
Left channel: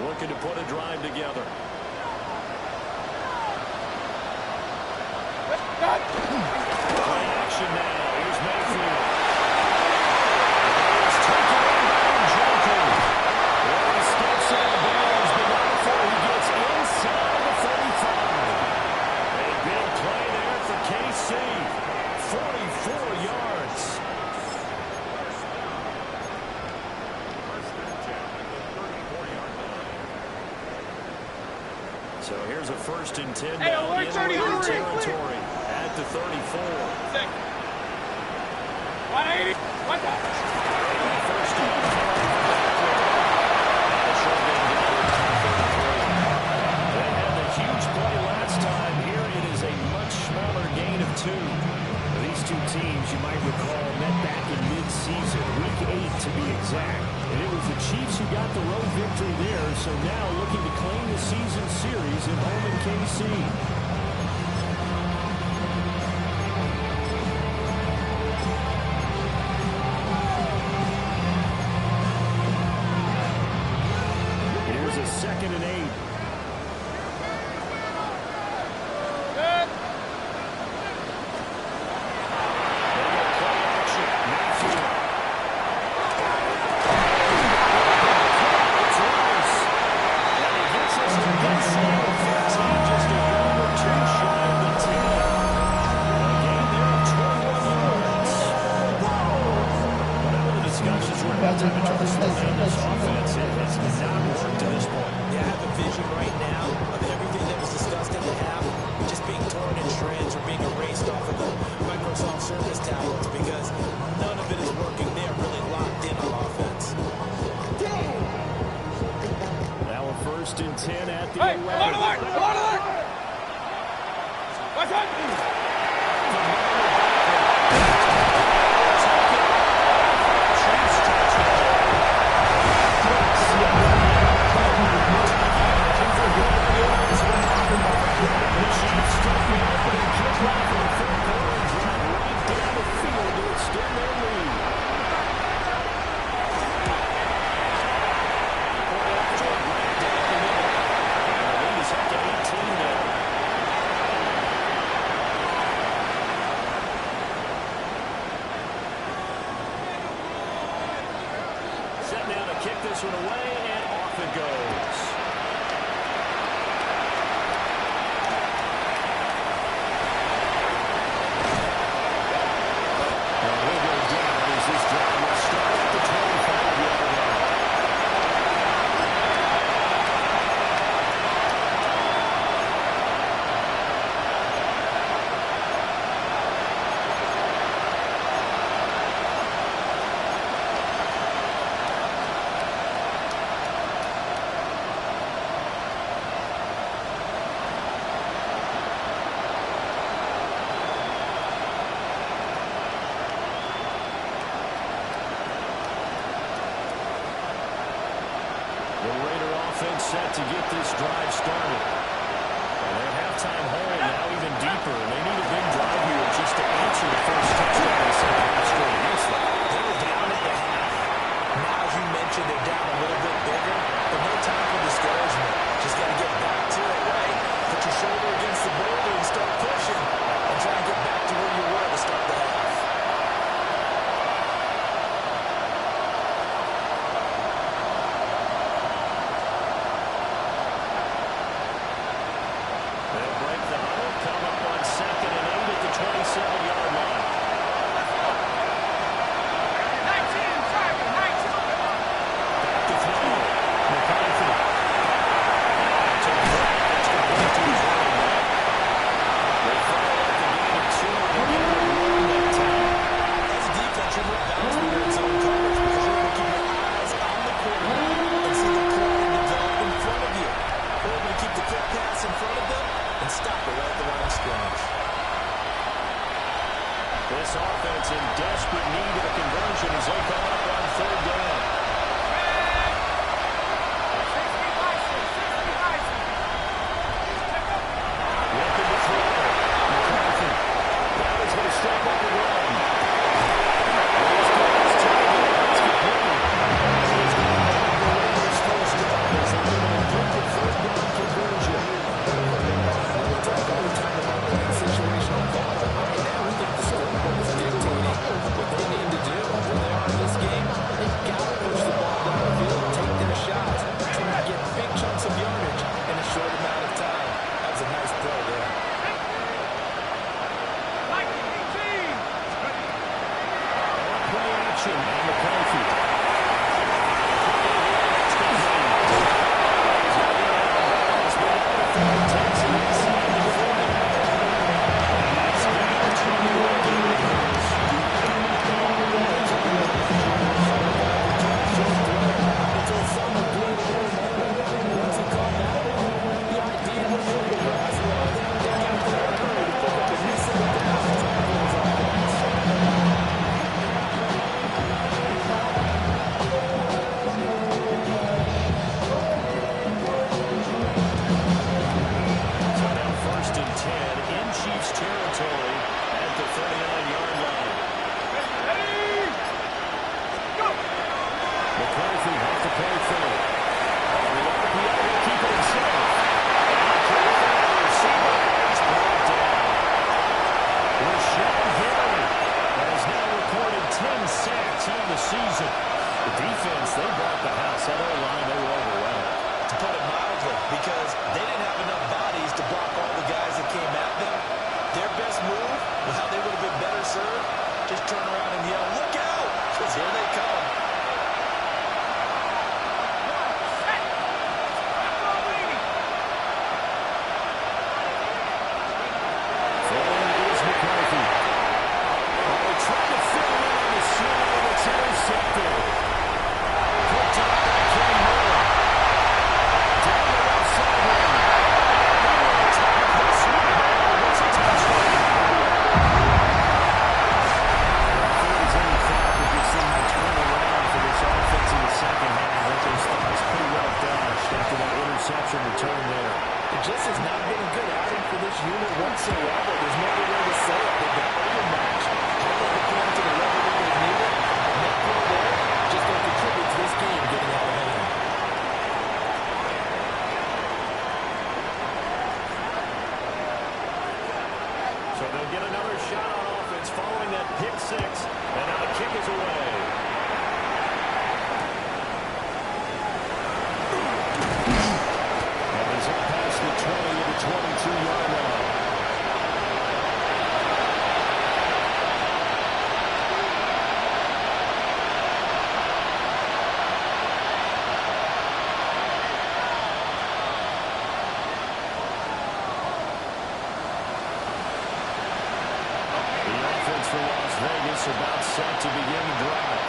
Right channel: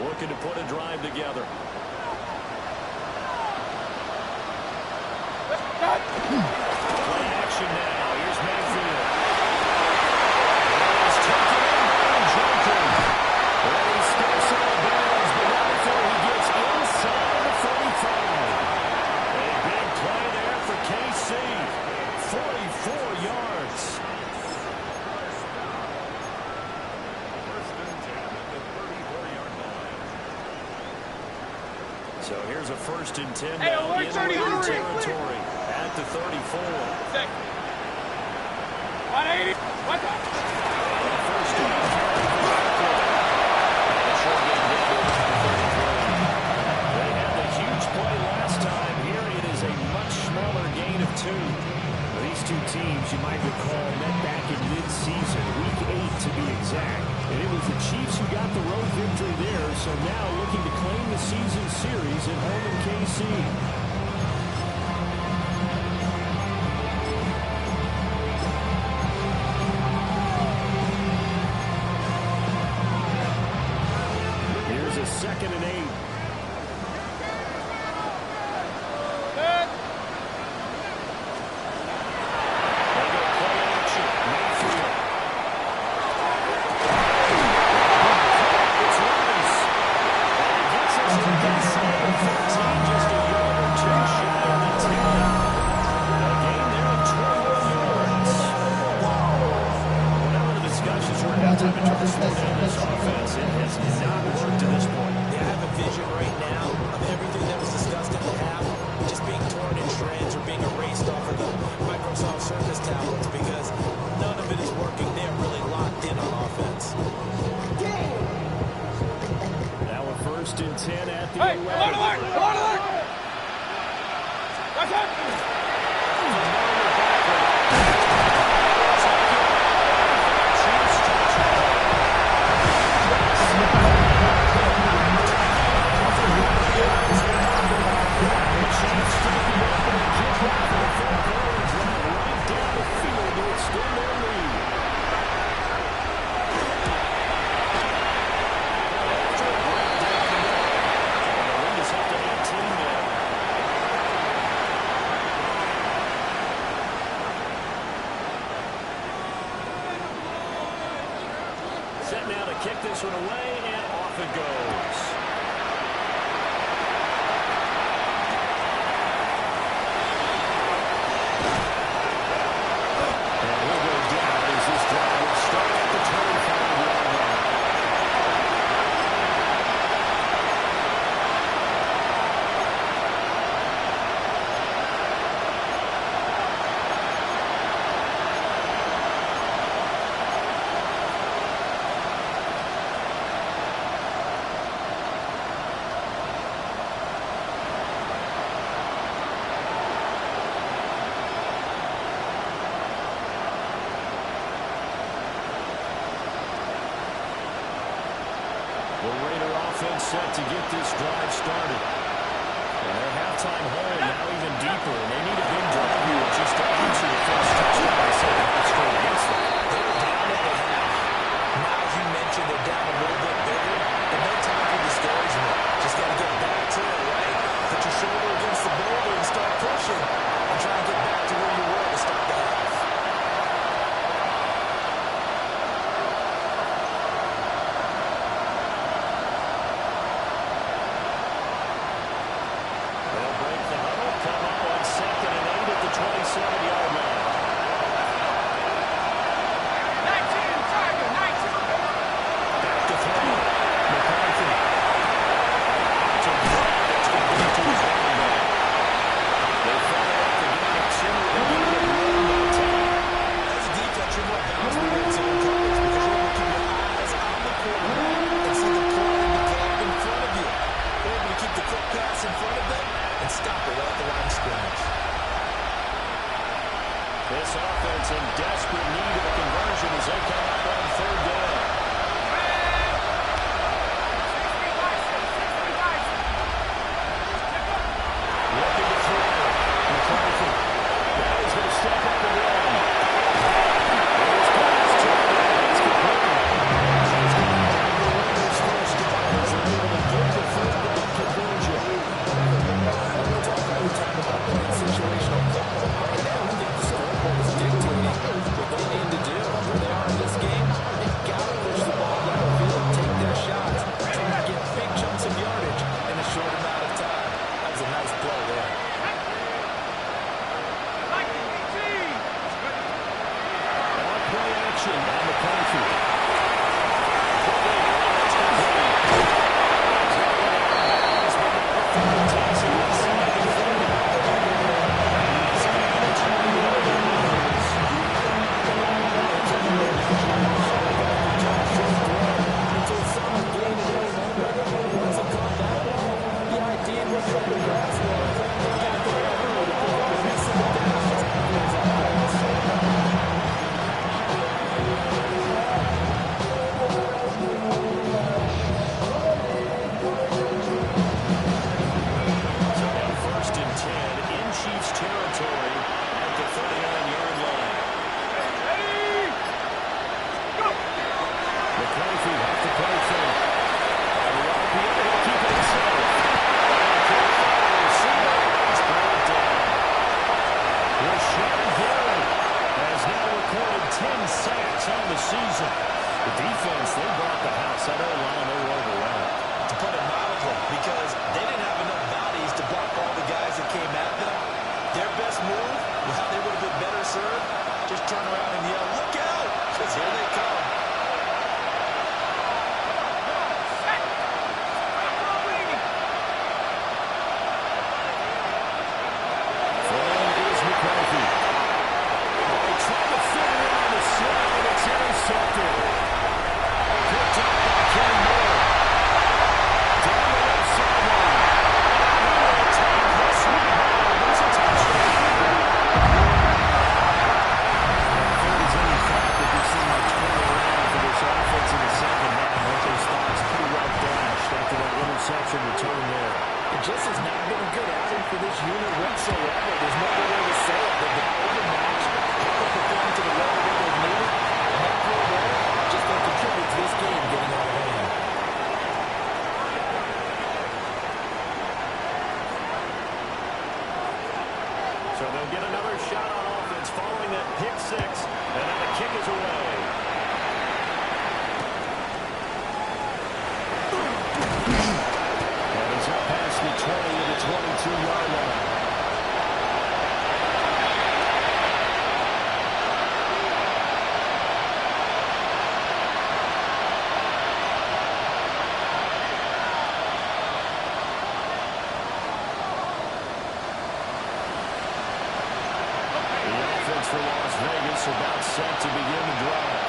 Looking to put a drive together. Play action now. Here's Mayfield. And he is taken in by Njoku. Well, he steps out of bounds, but not before he gets inside the 45. A big play there for KC. 44 yards. So here's a 1st and 10 now in Raider territory at the 34. 180. What the? First down carry for Barkley. And a short game down to about the 33. They had the huge play last time. Here it is a much smaller gain of 2. These two teams, you might recall, met back in mid-season, week 8 to be exact. And it was the Chiefs who got the road victory there, so now looking to claim the season series at home in KC. Here's a 2nd and 8. This offense, it has not worked to this point. Yeah, I have a vision right now of everything that was discussed in the half just being torn in shreds or being erased off of the Microsoft Surface tablets because none of it is working. They're really locked in on offense. Now a 1st and 10 at the 11. Alert! Alert! What's up? Set now to kick this one away, and off it goes. And he'll go down as this drive will start at the 25-yard line. The Raider offense set to get this drive started. And their halftime hole now even deeper. And they need a big drive here just to answer the first touchdown in the second half scored against them. They were down at the half. Now, as you mentioned, they're down a little bit bigger. But no time for discouragement. Just got to get back to it, right? Put your shoulder against the boulder and start pushing. And try and get back to where you were to start the half. They'll break the huddle, come This offense in desperate need of a conversion as they come up on third down. Looking to throw. McCarthy. Now he's going to step up and run. Here's God's target. That's complete. He's going to have the Raiders first down as they're able to get the third down conversion. We talk all the time about playing situational football. Right now, we think the scoreboard is dictating what they need to do. Where they are in this game, they've got to push the ball down the field, take their shots, and get big chunks of yardage in a short amount of time. That was a nice play there. On play action by McCarthy. Quickly here, that's complete. He's got it out of bounds, but now the throw takes him inside the 40. A nice gain of 21 yards. It's a solid gain in every moment. Once he caught that ball, he ID'd what the open grass was and got there early to pick up a new set of downs for his offense. So now 1st and 10 in Chiefs territory at the 39-yard line. McCarthy off the play fake. On the RPO, he'll keep it himself. And careful, the receiver is brought down. Rashawn Gary has now recorded 10 sacks on the season. The defense, they brought the house. That O-line, they were overwhelmed. To put it mildly, because they didn't have enough bodies to block all the guys that came at them. Their best move, well, they would have been better served, just turn around and yell, "Look out!" because here they come. Throwing is McCarthy. Oh, he tried to fit it in on the slant, and it's intercepted. Picked up by Ken Moore. Down the left sideline. And on the attack, the sweet ball. It's a touchdown. If there was any thought that this thing might turn around for this offense in the second half, I think those thoughts pretty well dashed after that interception return there. It just has not been a good outing for this unit whatsoever. There's no other way to say it. They've been overmatched, haven't performed to the level that they've needed. And that throw there just don't contribute to this game getting out of hand. So they'll get another shot on offense following that pick six. And now the kick is away. And he's up past the 20 to the 22-yard line. The offense for Las Vegas about set to begin the drive.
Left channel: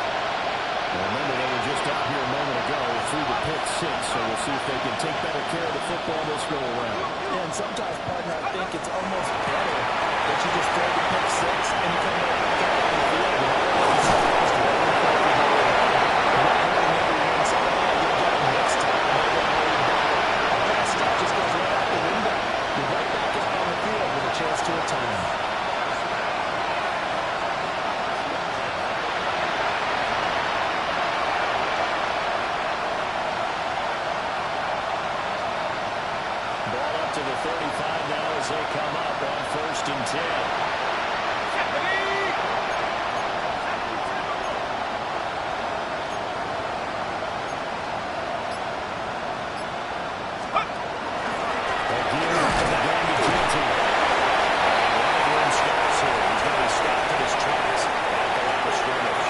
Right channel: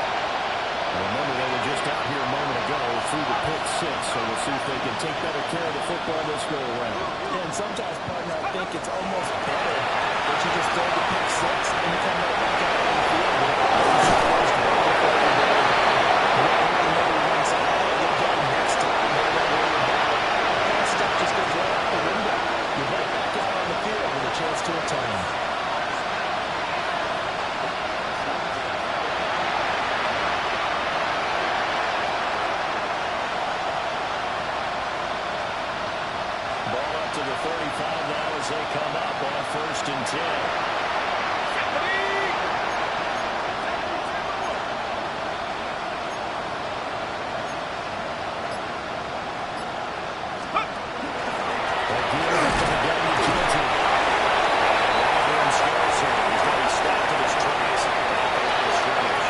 Remember, they were just out here a moment ago through the pick six, so we'll see if they can take better care of the football this go-around. And sometimes, partner, I think it's almost better that you just throw the pick six and you come right back out on the field. You'll get them next time. Don't worry about it. All that stuff just goes right out the window. You're right back out on the field with a chance to atone. Ball up to the 35 now as they come up on 1st and 10. Again, to the gun to Genty. Running room scarce here. He's going to be stopped in his tracks at the line of scrimmage.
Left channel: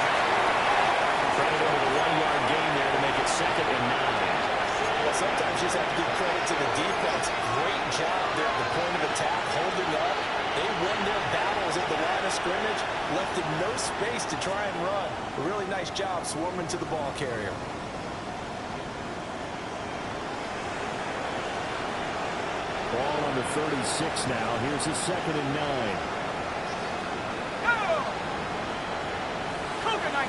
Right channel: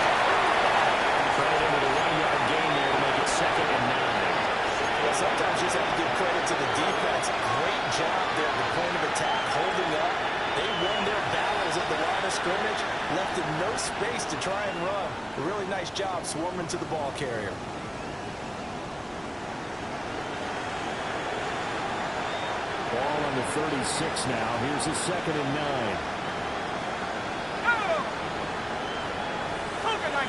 Credited with a 1-yard gain there to make it 2nd and 9. Well, sometimes you just have to give credit to the defense. Great job there at the point of attack, holding up. They won their battles at the line of scrimmage, left in no space to try and run. A really nice job swarming to the ball carrier. Ball on the 36 now. Here's a 2nd and 9. Cougar 19.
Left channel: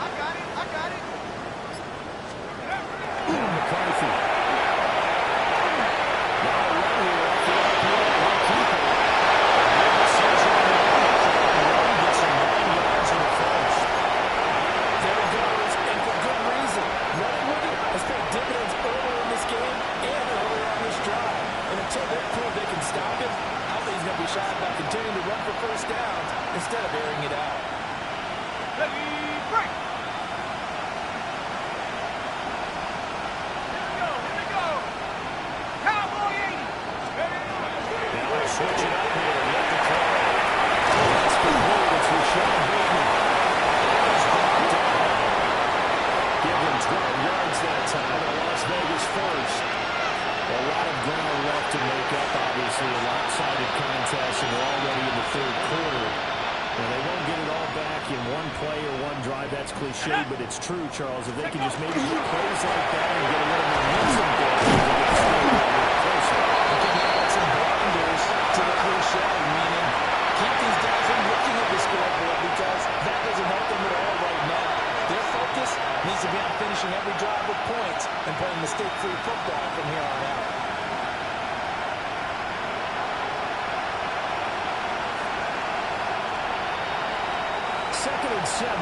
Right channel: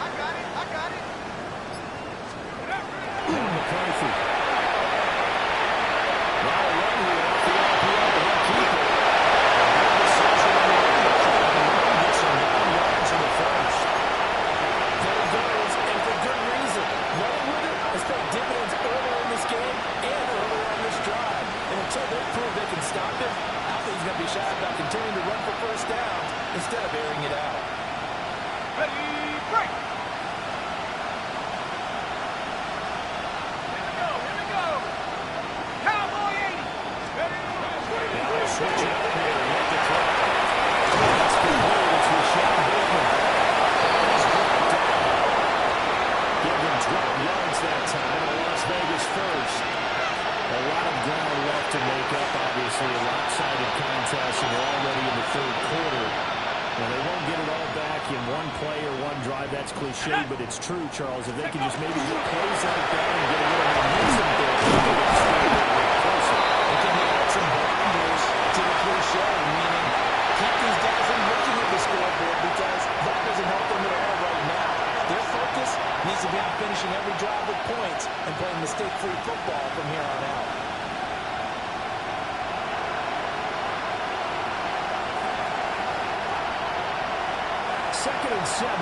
I got it. Now McCarthy. Now a run here off the RPO. He'll keep it. A good decision on the end to try to run, get some 9 yards in the first. There he goes, and for good reason. Running with it has paid dividends earlier in this game and earlier on this drive. And until they prove they can stop him, I don't think he's going to be shy about continuing to run for first downs instead of airing it out. Ready, break. Here we go. Cowboy 80. Ready, Now they'll switch it up here and let the throw. That's complete. It's Rashad Bateman. He's brought down. Give them 12 yards that time. A Las Vegas first. A lot of ground left to make up, obviously. A lopsided contest, and we're already in the third quarter. And they won't get it all back in one play or one drive. That's cliche, but it's true, Charles. If they can just maybe get plays like that and get a little momentum going, they can get the score a little closer. They can add some blinders to the cliche, meaning keep these guys from looking at the scoreboard because that doesn't help them at all right now. Their focus needs to be on finishing every drive with points and playing mistake-free football from here on out. Second and 7.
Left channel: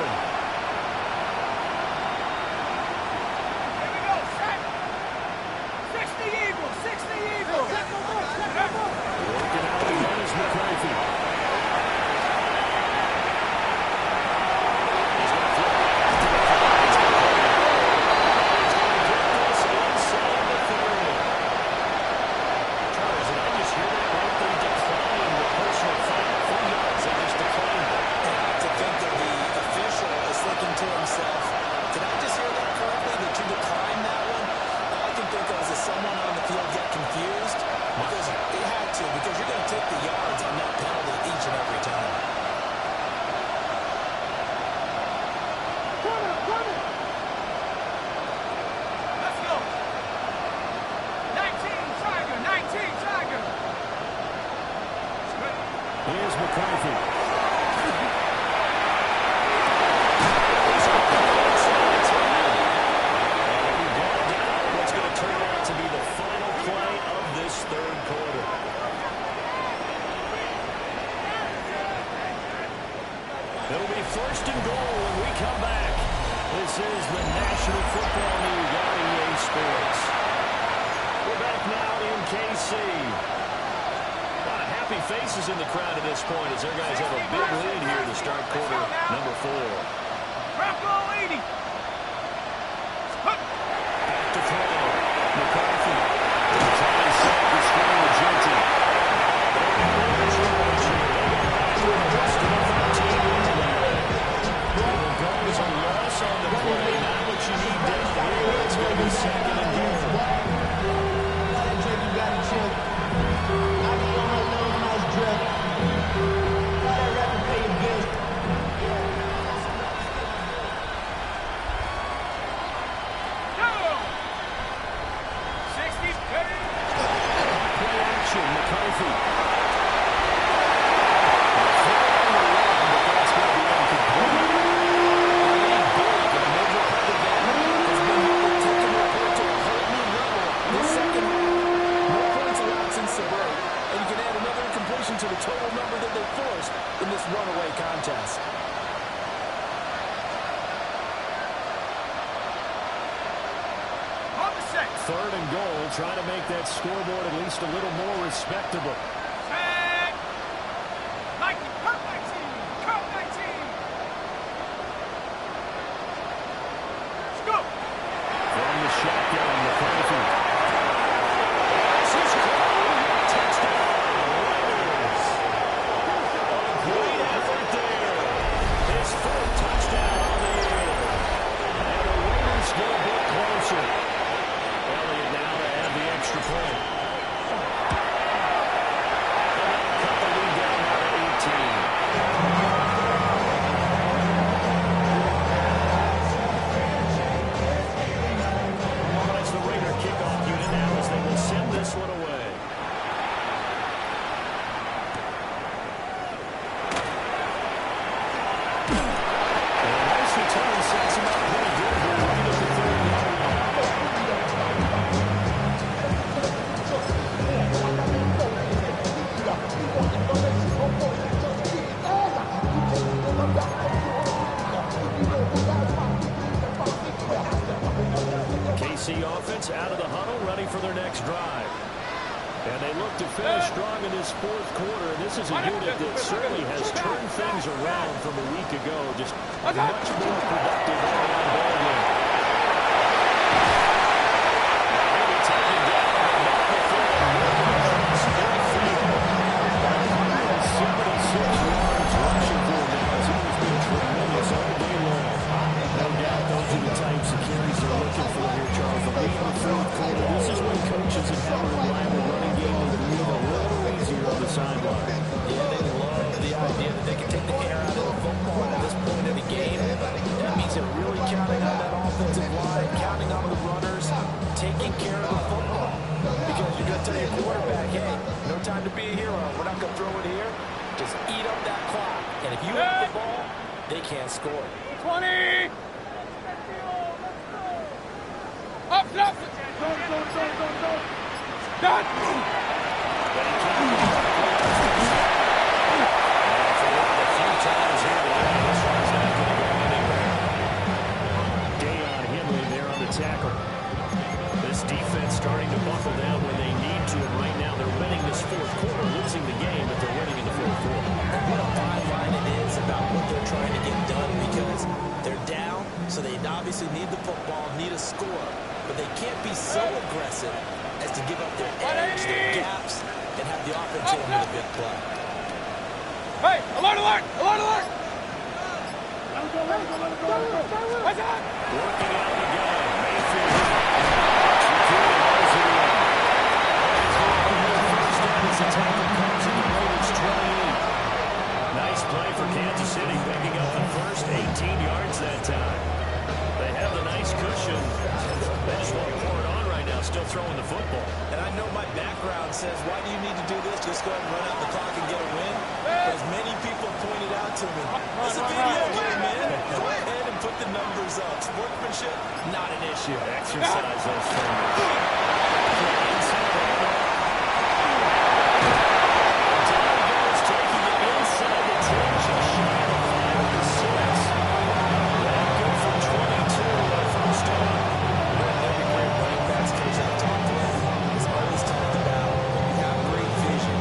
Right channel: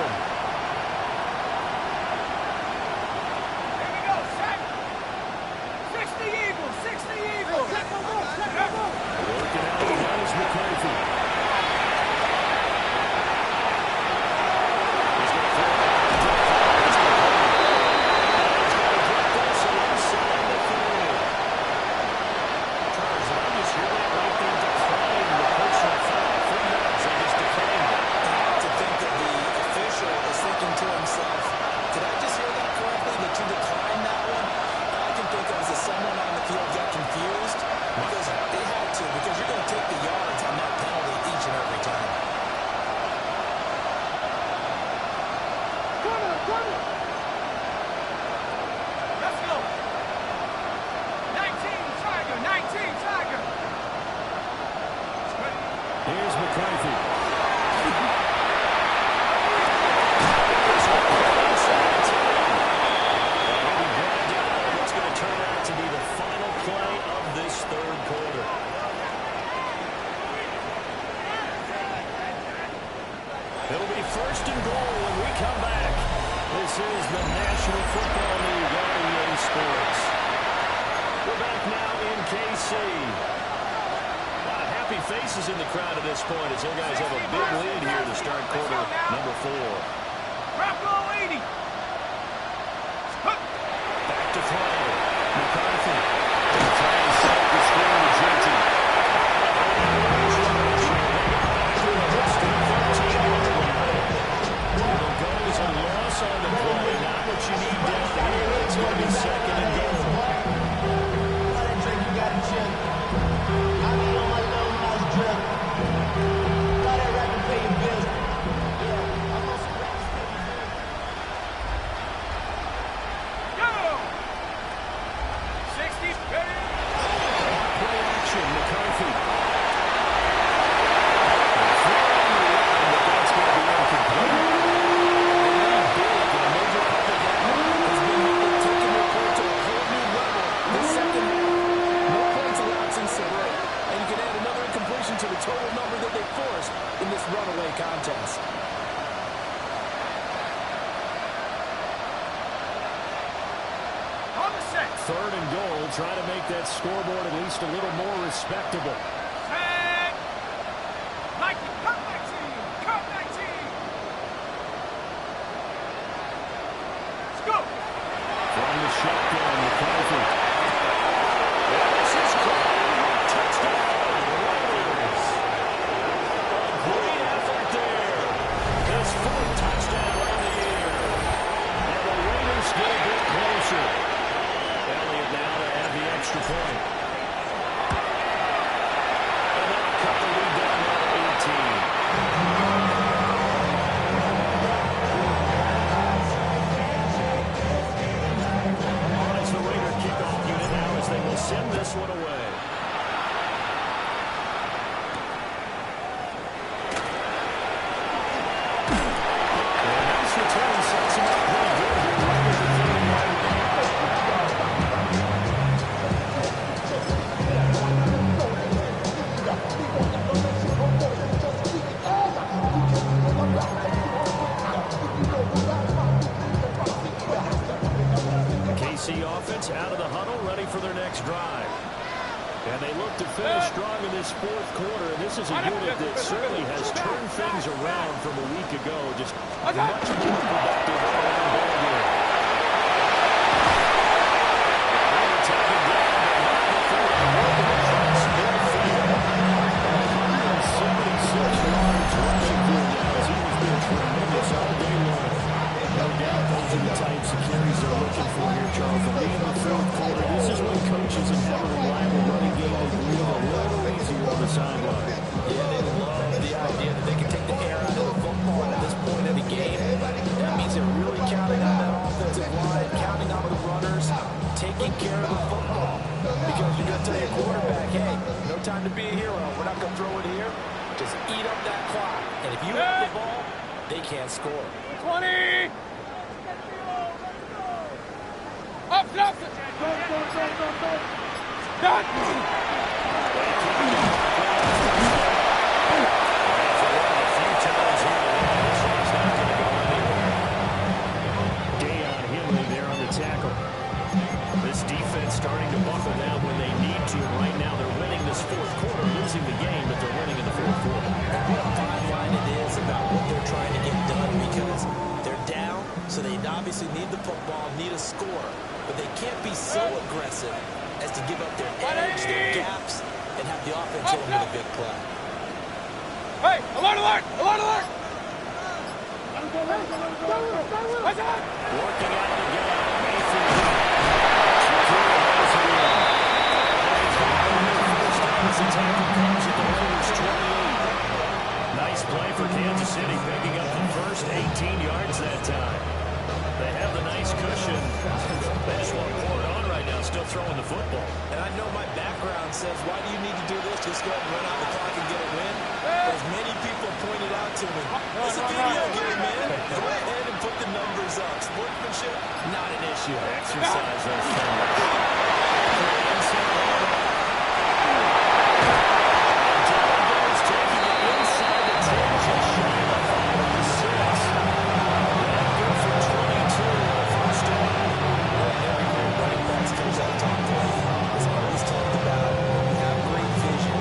Here we go, set. 60 Eagles. Working out again is McCarthy. He's going to flip back to the 5. It's complete. And he's going to get this inside the 30. Charles, did I just hear that right? They declined the personal foul. 3 yards. They just declined it. To think that the official is thinking to himself, did I just hear that correctly, that you declined that one? All I can think of is that someone on the field got confused because they had to, because you're going to take the yards on that penalty each and every time. Let's go. 19 Tiger. Here's McCarthy. Turn out to be the final play of this third quarter. It'll be first and goal when we come back. This is the National Football League on EA Sports. We're back now in KC. A lot of happy faces in the crowd at this point as their guys have a big lead here to start quarter number 4. Bronco 80. Back to throw. McCarthy. They'll try and set up the screen with Genty. They're going to lose yards here. They got back with a rest of the 13-yard line. It'll go as a loss on the play. Not what you need down here. It's going to be second and goal. That Drake, you got to chill. I be on my little mouse drill. All that rapping pay your bills. Yeah, I'm on some rappers pay my bills. Go. 60. Ready. Play action. McCarthy. Throw on the run, but that's going to be incomplete. Lead big, and a major part of that has been how they've taken their play to a whole new level this second half. No points allowed since the break, and you can add another incompletion to the total number that they forced in this runaway contest. On the set. Third and goal. Try to make that scoreboard at least a little more respectable. Set. Nike. Cut 19. Cut 19. Let's go. From the shotgun, McCarthy. And this is caught. Touchdown, Raiders. A great effort there. His 4th touchdown on the year. And the Raiders get a bit closer. Elliott now to add the extra point. And they'll cut the lead down now to 18. As the Raider kickoff him up pretty good here right at the 30-yard line. The KC offense out of the huddle, ready for their next drive. And they look to finish strong in this fourth quarter. And this is a unit that certainly has turned things around from a week ago. Just a much more productive all-around ball game. Maybe taken down, but not before they work it across midfield. 176 yards rushing for him now. He's always been tremendous all day long. No doubt those are the types of carries they're looking for here, Charles. The lead in the fourth quarter. This is when coaches that have a reliable running game will breathe a little easier on the sideline. Yeah, they love the idea that they can take the air out of the football at this point of the game. That means they're really counting on that offensive line, counting on the runners, taking care of the football. Because you're going to tell your quarterback, hey, no time to be a hero. We're not going to throw it here. Just eat up that clock. And if you have the ball, they can't score. 20! Up, up! Go! Done! For one, a few times here today, this one's not going to go anywhere. Deion Henley there on the tackle. This defense starting to buckle down when they need to, and right now they're winning this fourth quarter, losing the game, but they're winning in the fourth quarter. What a fine line it is about what they're trying to get done, because they're down, so they obviously need the football, need a score, but they can't be so aggressive as to give up their edge, their gaps, and have the offense hit them with a big play. Hey, alert, alert, alert, alert! Let him go, let him go, let him go, let him go. What's that? Working out the gun, Mayfield. Secure holds it in. He's going to win first down as the tackle comes at the Raiders' 28. Nice play for Kansas City, picking up the first 18 yards that time. They have the nice cushion. They just want to pour it on right now, still throwing the football. And I know my background says, why do you need to do this? Just go ahead and run out the clock and get a win. But as many people pointed out to me, it's a video game, man. Go ahead and put the numbers up. Sportsmanship, not an issue. Exercise those fingers. Inside handoff. Down goes, taking it inside the 10, just shy of the 5 of the 6. That good for 22 on a first down. Every great running backs coach I've talked with has always talked about when you have great vision,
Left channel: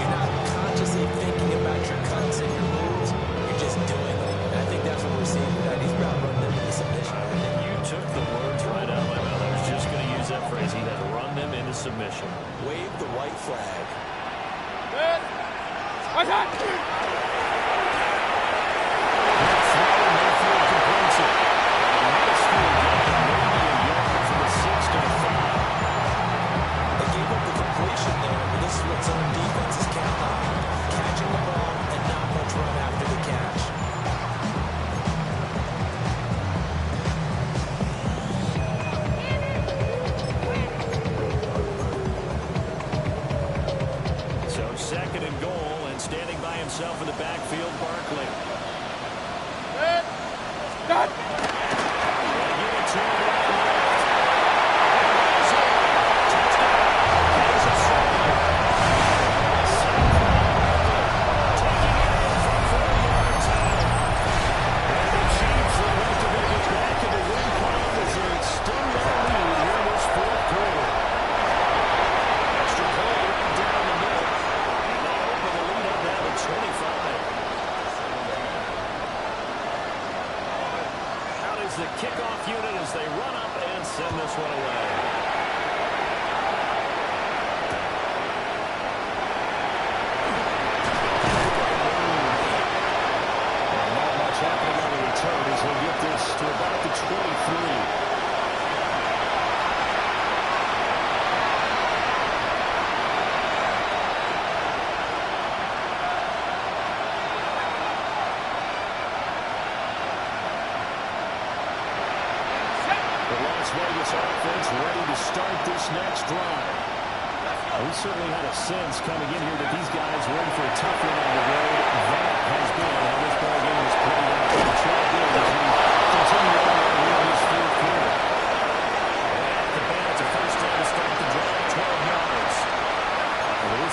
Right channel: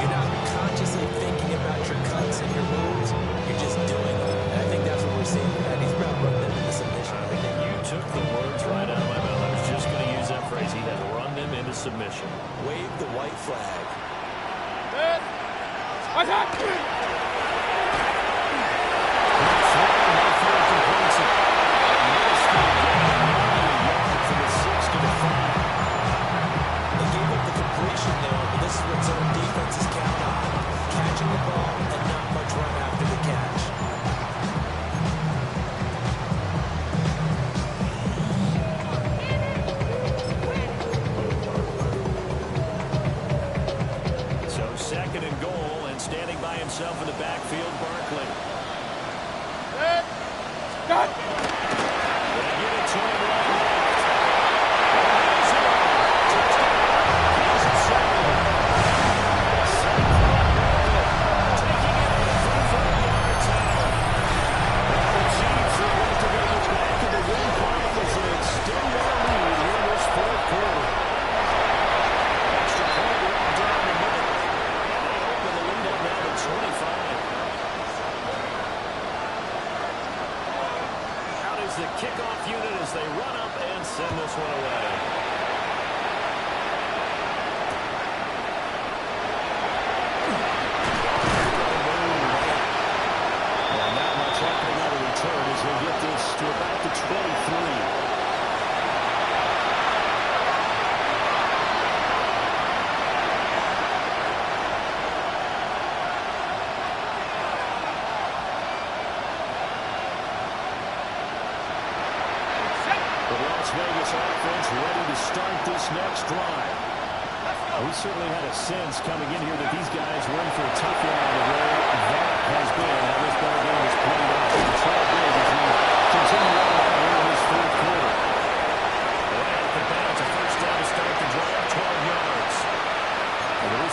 you're not consciously thinking about your cuts and your moves, you're just doing them. And I think that's what we're seeing tonight. He's about running them into submission. You took the words right out of my mouth. I was just going to use that phrase. He has run them into submission. Wave the white flag. Good. What's that? Mayfield completes it. A minuscule gain, maybe a yard from the 6 to the 5. They gave up the completion there, but this is what zone defenses count on. Catching the ball and not much run after the catch. So second and goal, and standing by himself in the backfield, Barkley. Good. Done. They give it to him right left. He's in. Touchdown, Kansas City. Saquon Barkley taking it in from 4 yards out. And the Chiefs are looking to get back in the win column as they extend their lead here in this fourth quarter. Extra point right down the middle. And they open the lead up now to 25. Is the kickoff unit as they run up and send this one away. And not much happening on the return as he'll get this to about the 23. Las Vegas offense ready to start this next drive. We certainly had a sense coming in here that these guys were in for a tough one on the road. That has been how this ball game has played out. It's all big as we continue on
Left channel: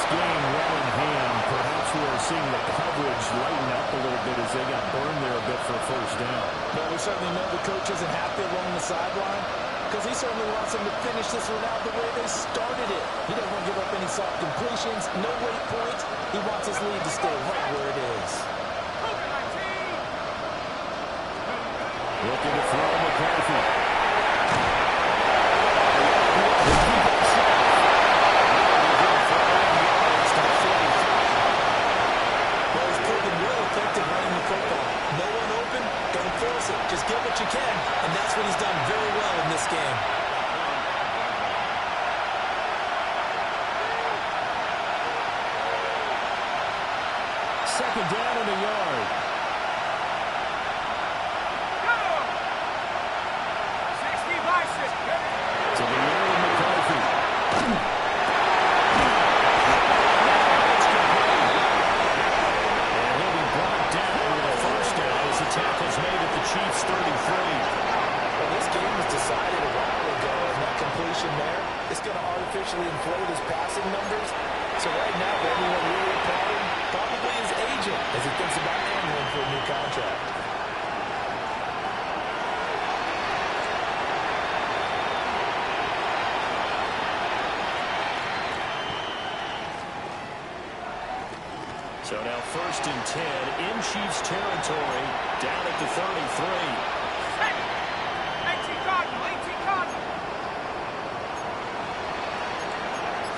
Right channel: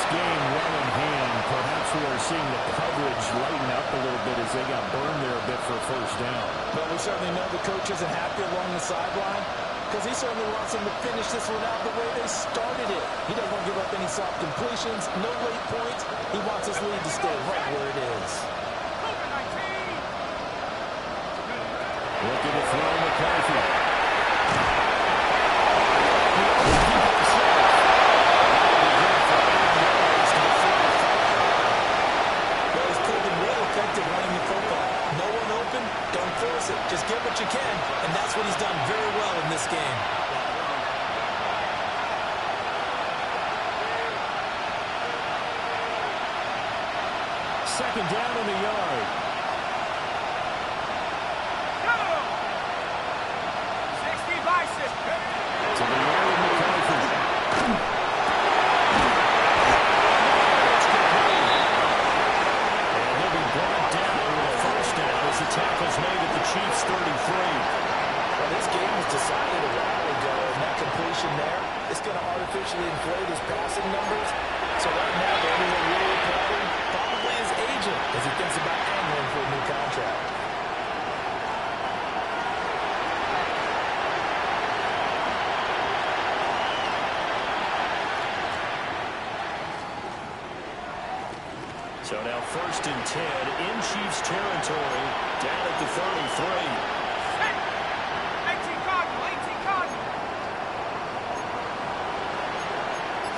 this game well in hand. Perhaps we are seeing the coverage lighten up a little bit as they got burned there a bit for a first down. Well, we certainly know the coach isn't happy along the sideline because he certainly wants them to finish this one out the way they started it. He doesn't want to give up any soft completions, no late points. He wants his lead to stay right where it is. Looking to throw McCarthy. Well, he's proven real effective running the football. No one open, don't force it. Just get what you can, and that's what he's done very well in this game. Second down in the yard. To the air with McCarthy. It's complete. And he'll be brought down with a first down as the tackle's made at the Chiefs' 33. Well, this game was decided a while ago, and that completion there is going to artificially inflate his passing numbers. So right now, the only one really applauding probably his agent as he thinks about angling for a new contract. So now first and 10 in Chiefs territory, down at the 33. 18 Cardinal, 18 Cardinal.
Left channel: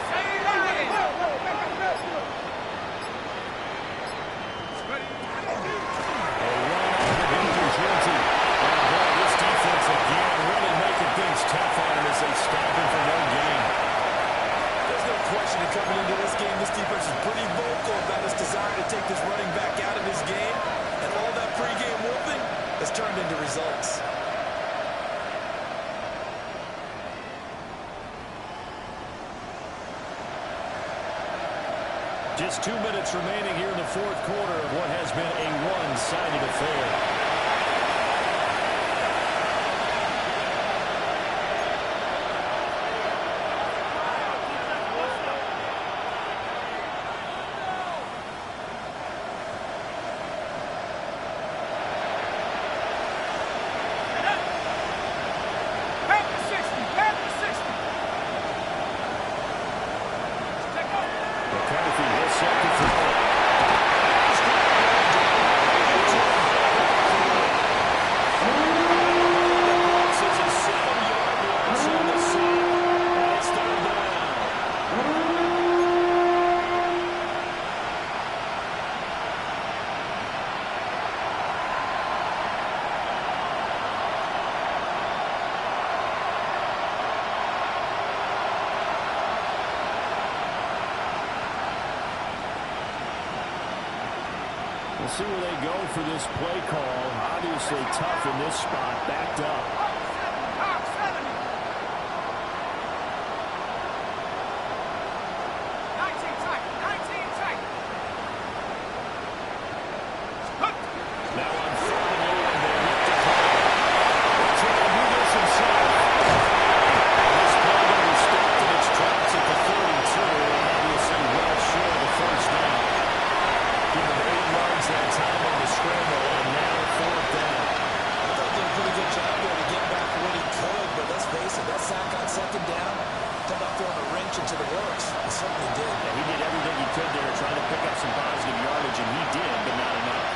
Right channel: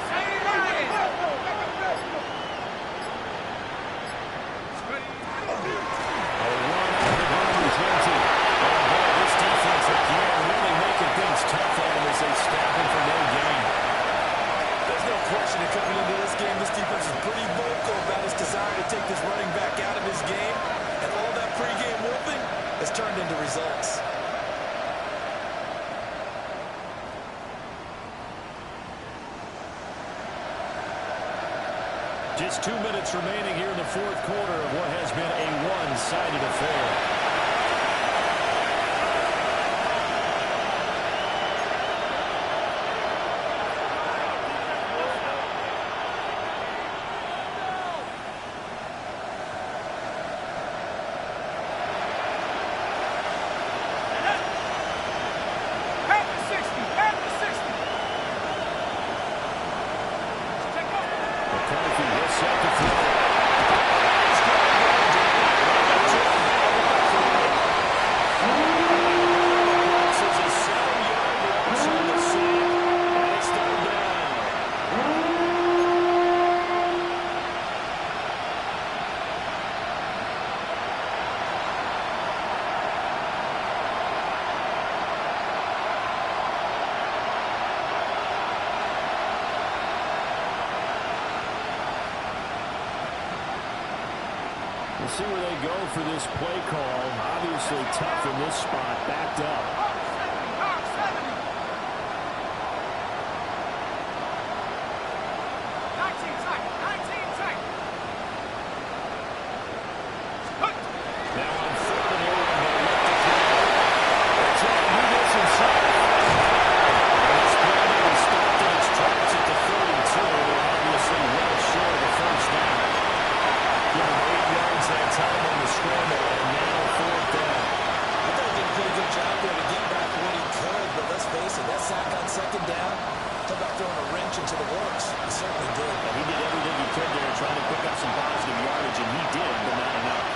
Say it again. A run out of the Gunner's empty. Oh boy, this defense again really making things tough on him as they stop him for no gain. There's no question that coming into this game, this defense is pretty vocal about its desire to take this running back out of his game. And all that pregame whooping has turned into results. Just 2 minutes remaining here in the fourth quarter of what has been a one-sided affair. We'll see where they go for this play call. Obviously tough in this spot, backed up. Hawk 70. 19 tight, 19 tight. Now on third and long, they look to throw. They'll try to do this himself. And this play will be stopped in its tracks at the 32. Obviously well short of the first down. Give him 8 yards that time on the scramble, and now fourth down. I thought he did a pretty good job there to get back what he could, but let's face it, that sack on second down, talk about throwing a wrench into the works. He certainly did. Yeah, he did everything he could there, trying to pick up some positive yardage, and he did, but not enough.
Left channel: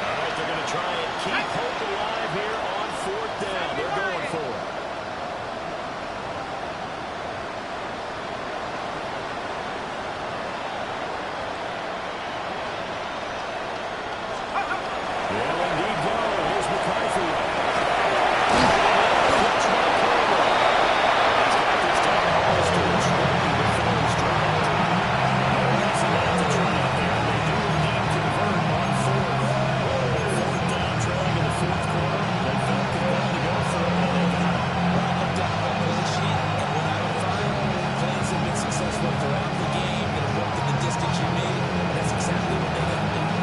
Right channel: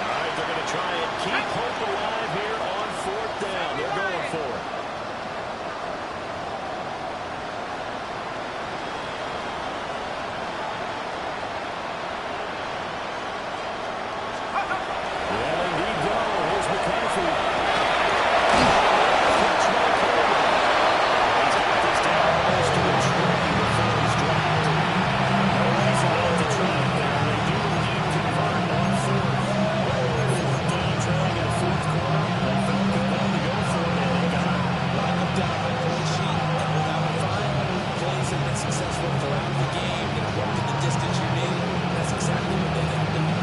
All right, they're going to try and keep hope alive here on fourth down. They're going for it. Well, indeed go. Here's McCarthy. Catch by Coleman. He's got this down almost to the 20 before he's dropped. No reason not to try it there. They do indeed convert on fourth. Fourth down, trailing in the fourth quarter. They felt compelled to go for it, and they got it. When I look down my play sheet and what I would find, plays have been successful throughout the game that have worked in the distance you need. That's exactly what they got done.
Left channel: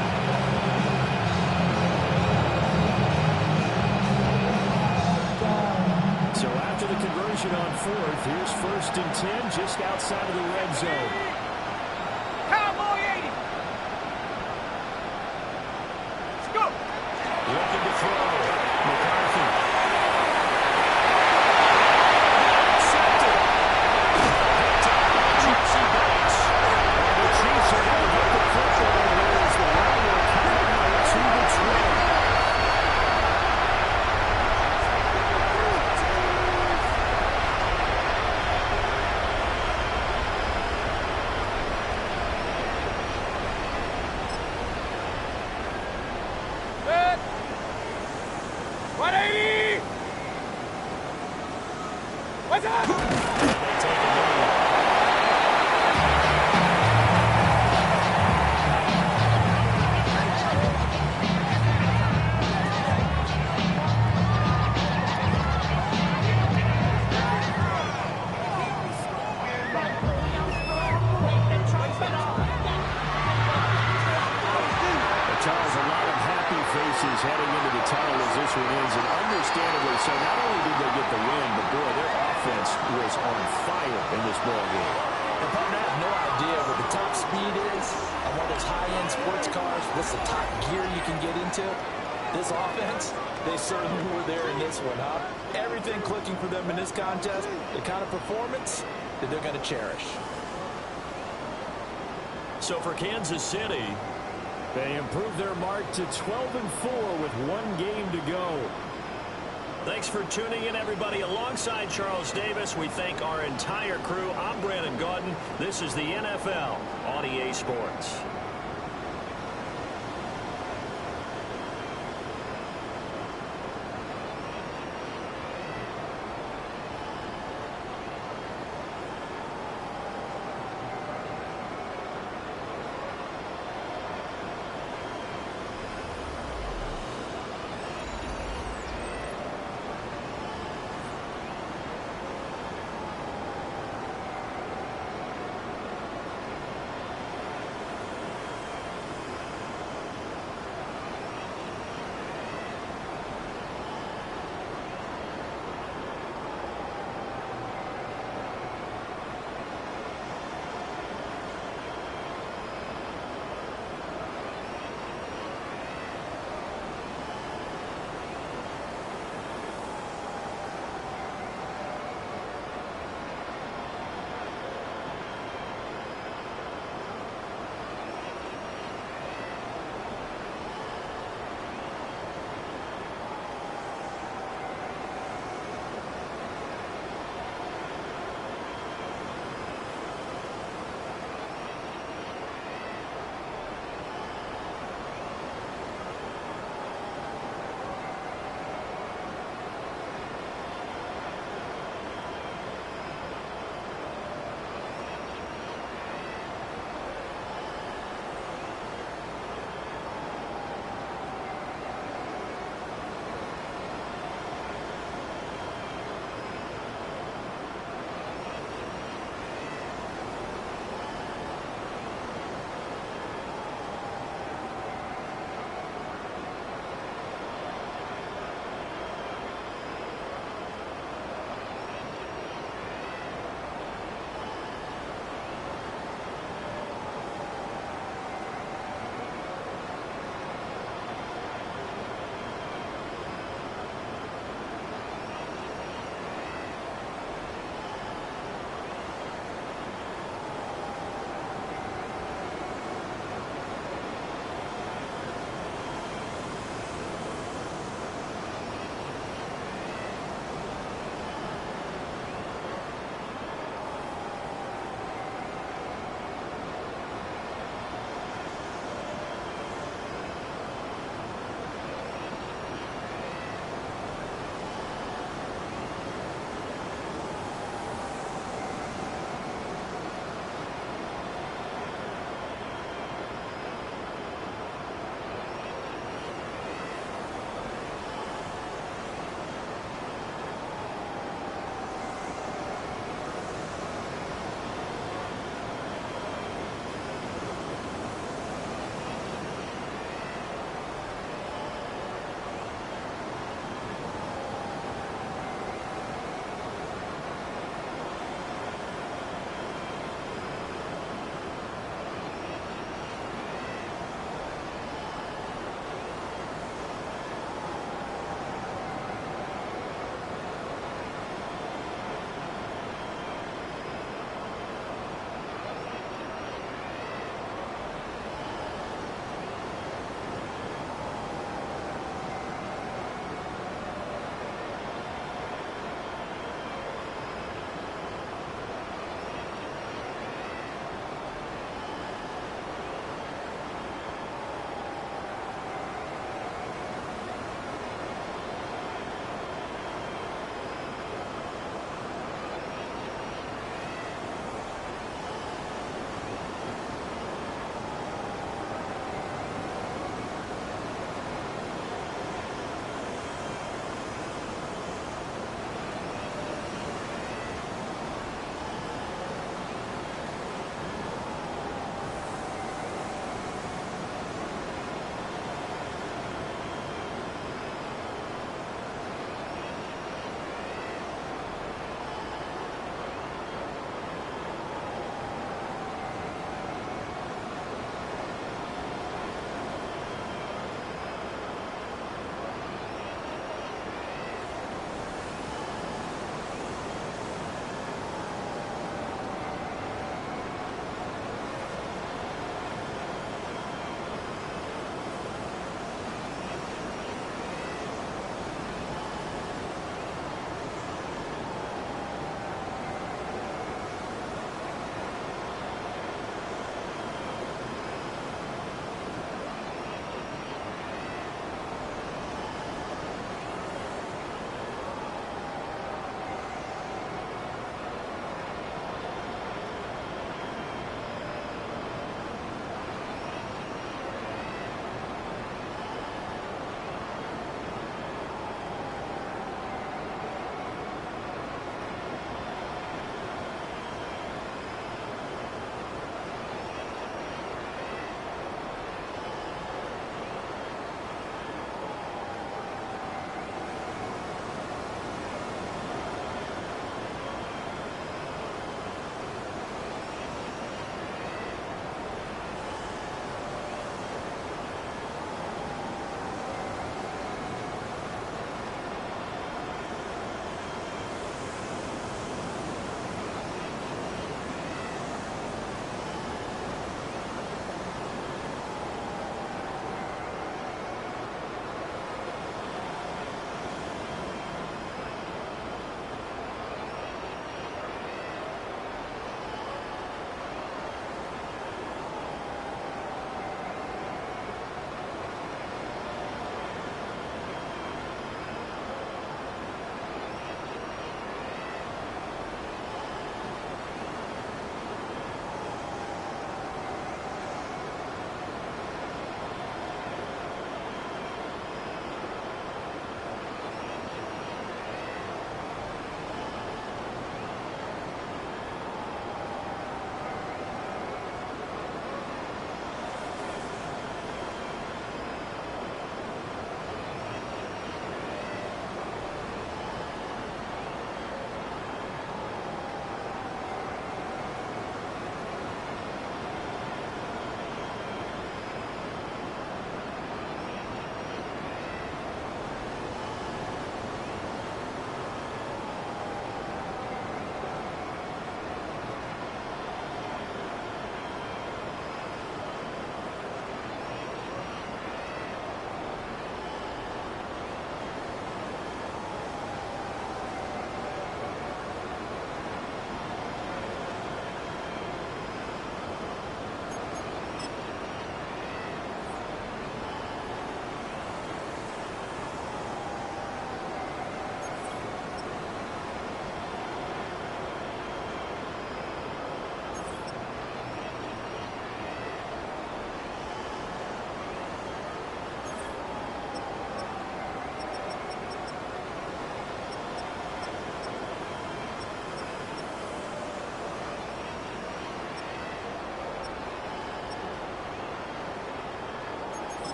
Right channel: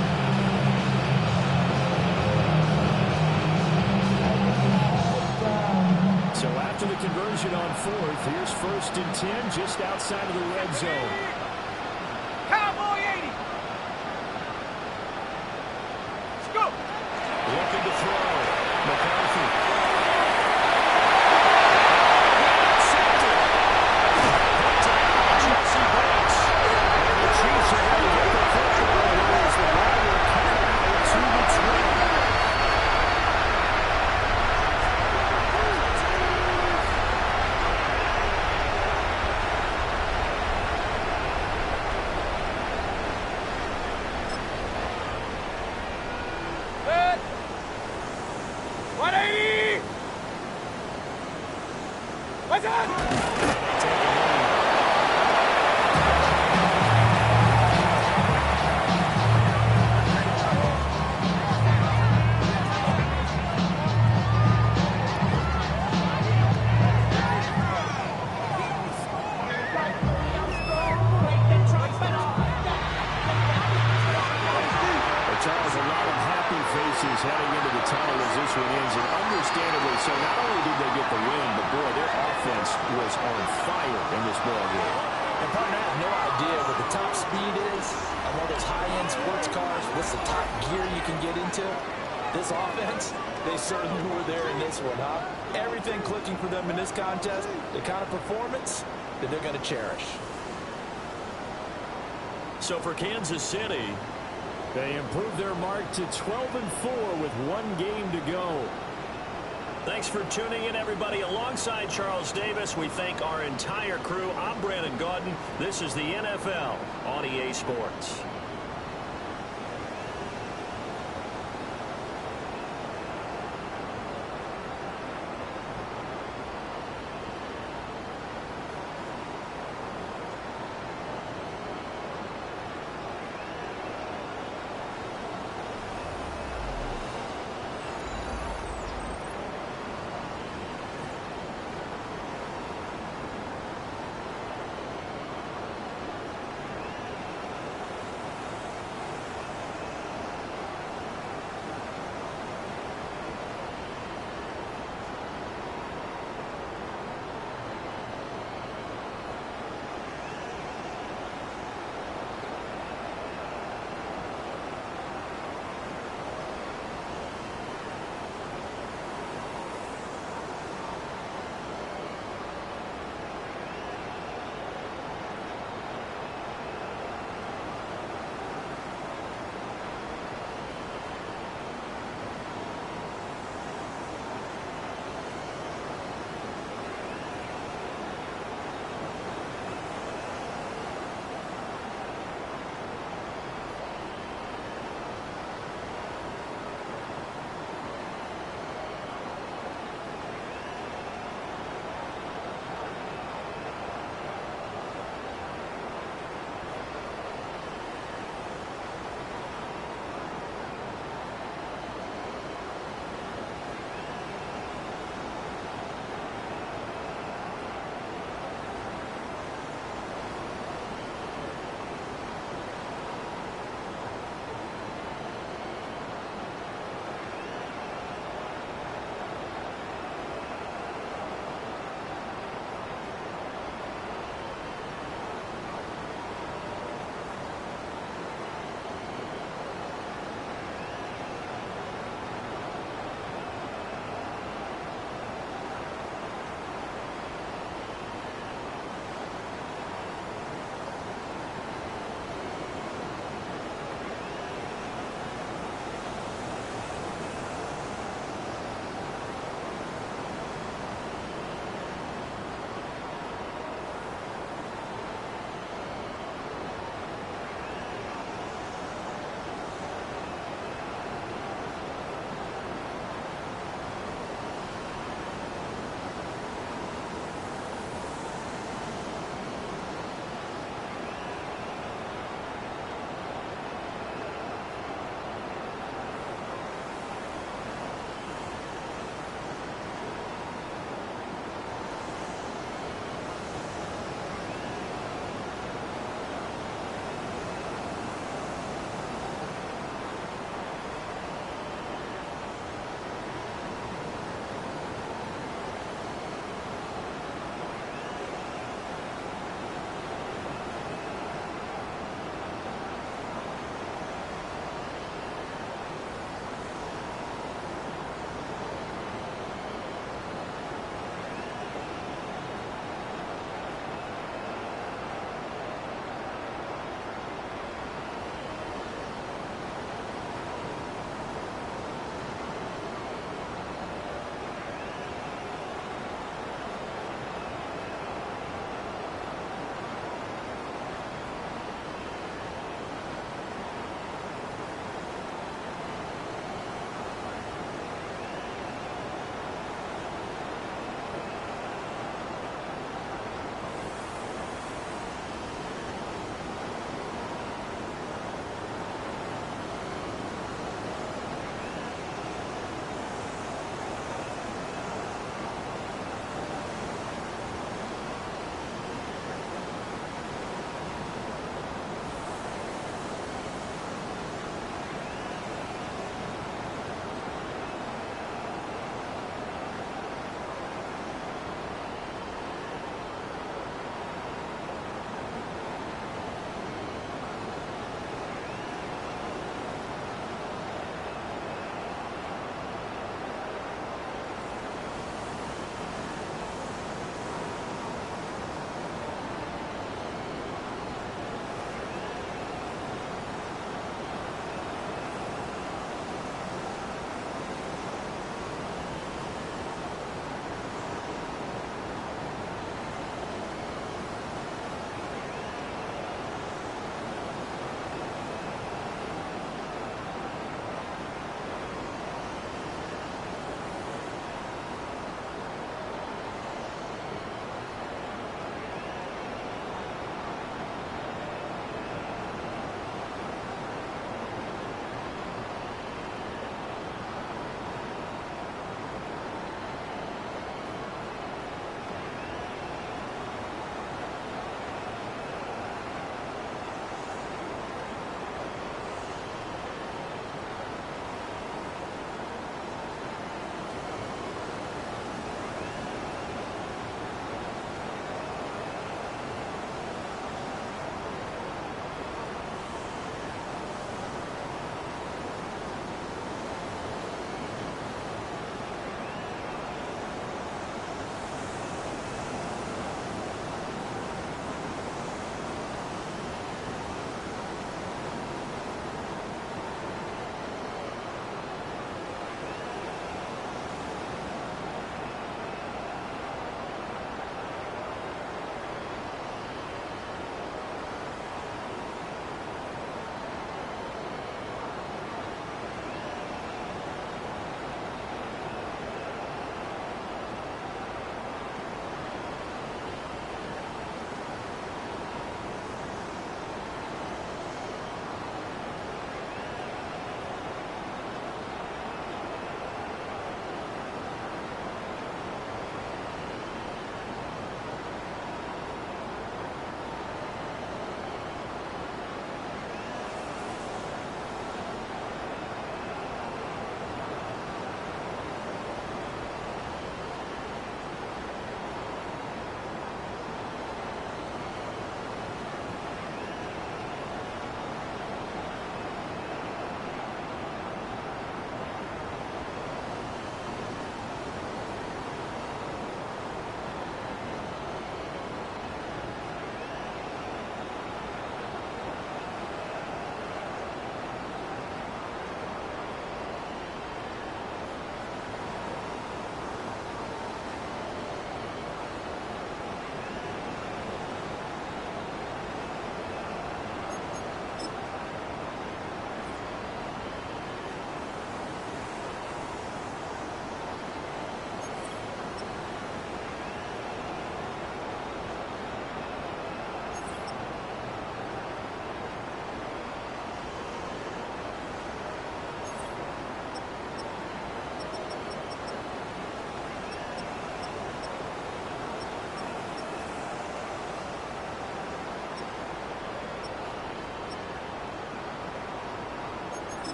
So after the conversion on fourth, here's first and 10 just outside of the red zone. Looking to throw. McCarthy. Intercepted. Jesse Bates. And the Chiefs are going to get the football as the line will carry it to the 20. Set. 180. What's up? They take a knee. Charles, a lot of happy faces heading into the tunnel as this one ends, and understandably so. Not only did they get the win, but boy, their offense was on fire in this ball game. And partner, I have no idea what the top speed is on one of those high-end sports cars. What's the top gear you can get into? This offense, they certainly were there in this one, huh? Everything clicking for them in this contest, the kind of performance that they're going to cherish. So for Kansas City, they improved their mark to 12-4 with one game to go. Thanks for tuning in, everybody. Alongside Charles Davis, we thank our entire crew. I'm Brandon Gaudin. This is the NFL on EA Sports.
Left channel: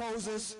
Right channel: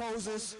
Posers.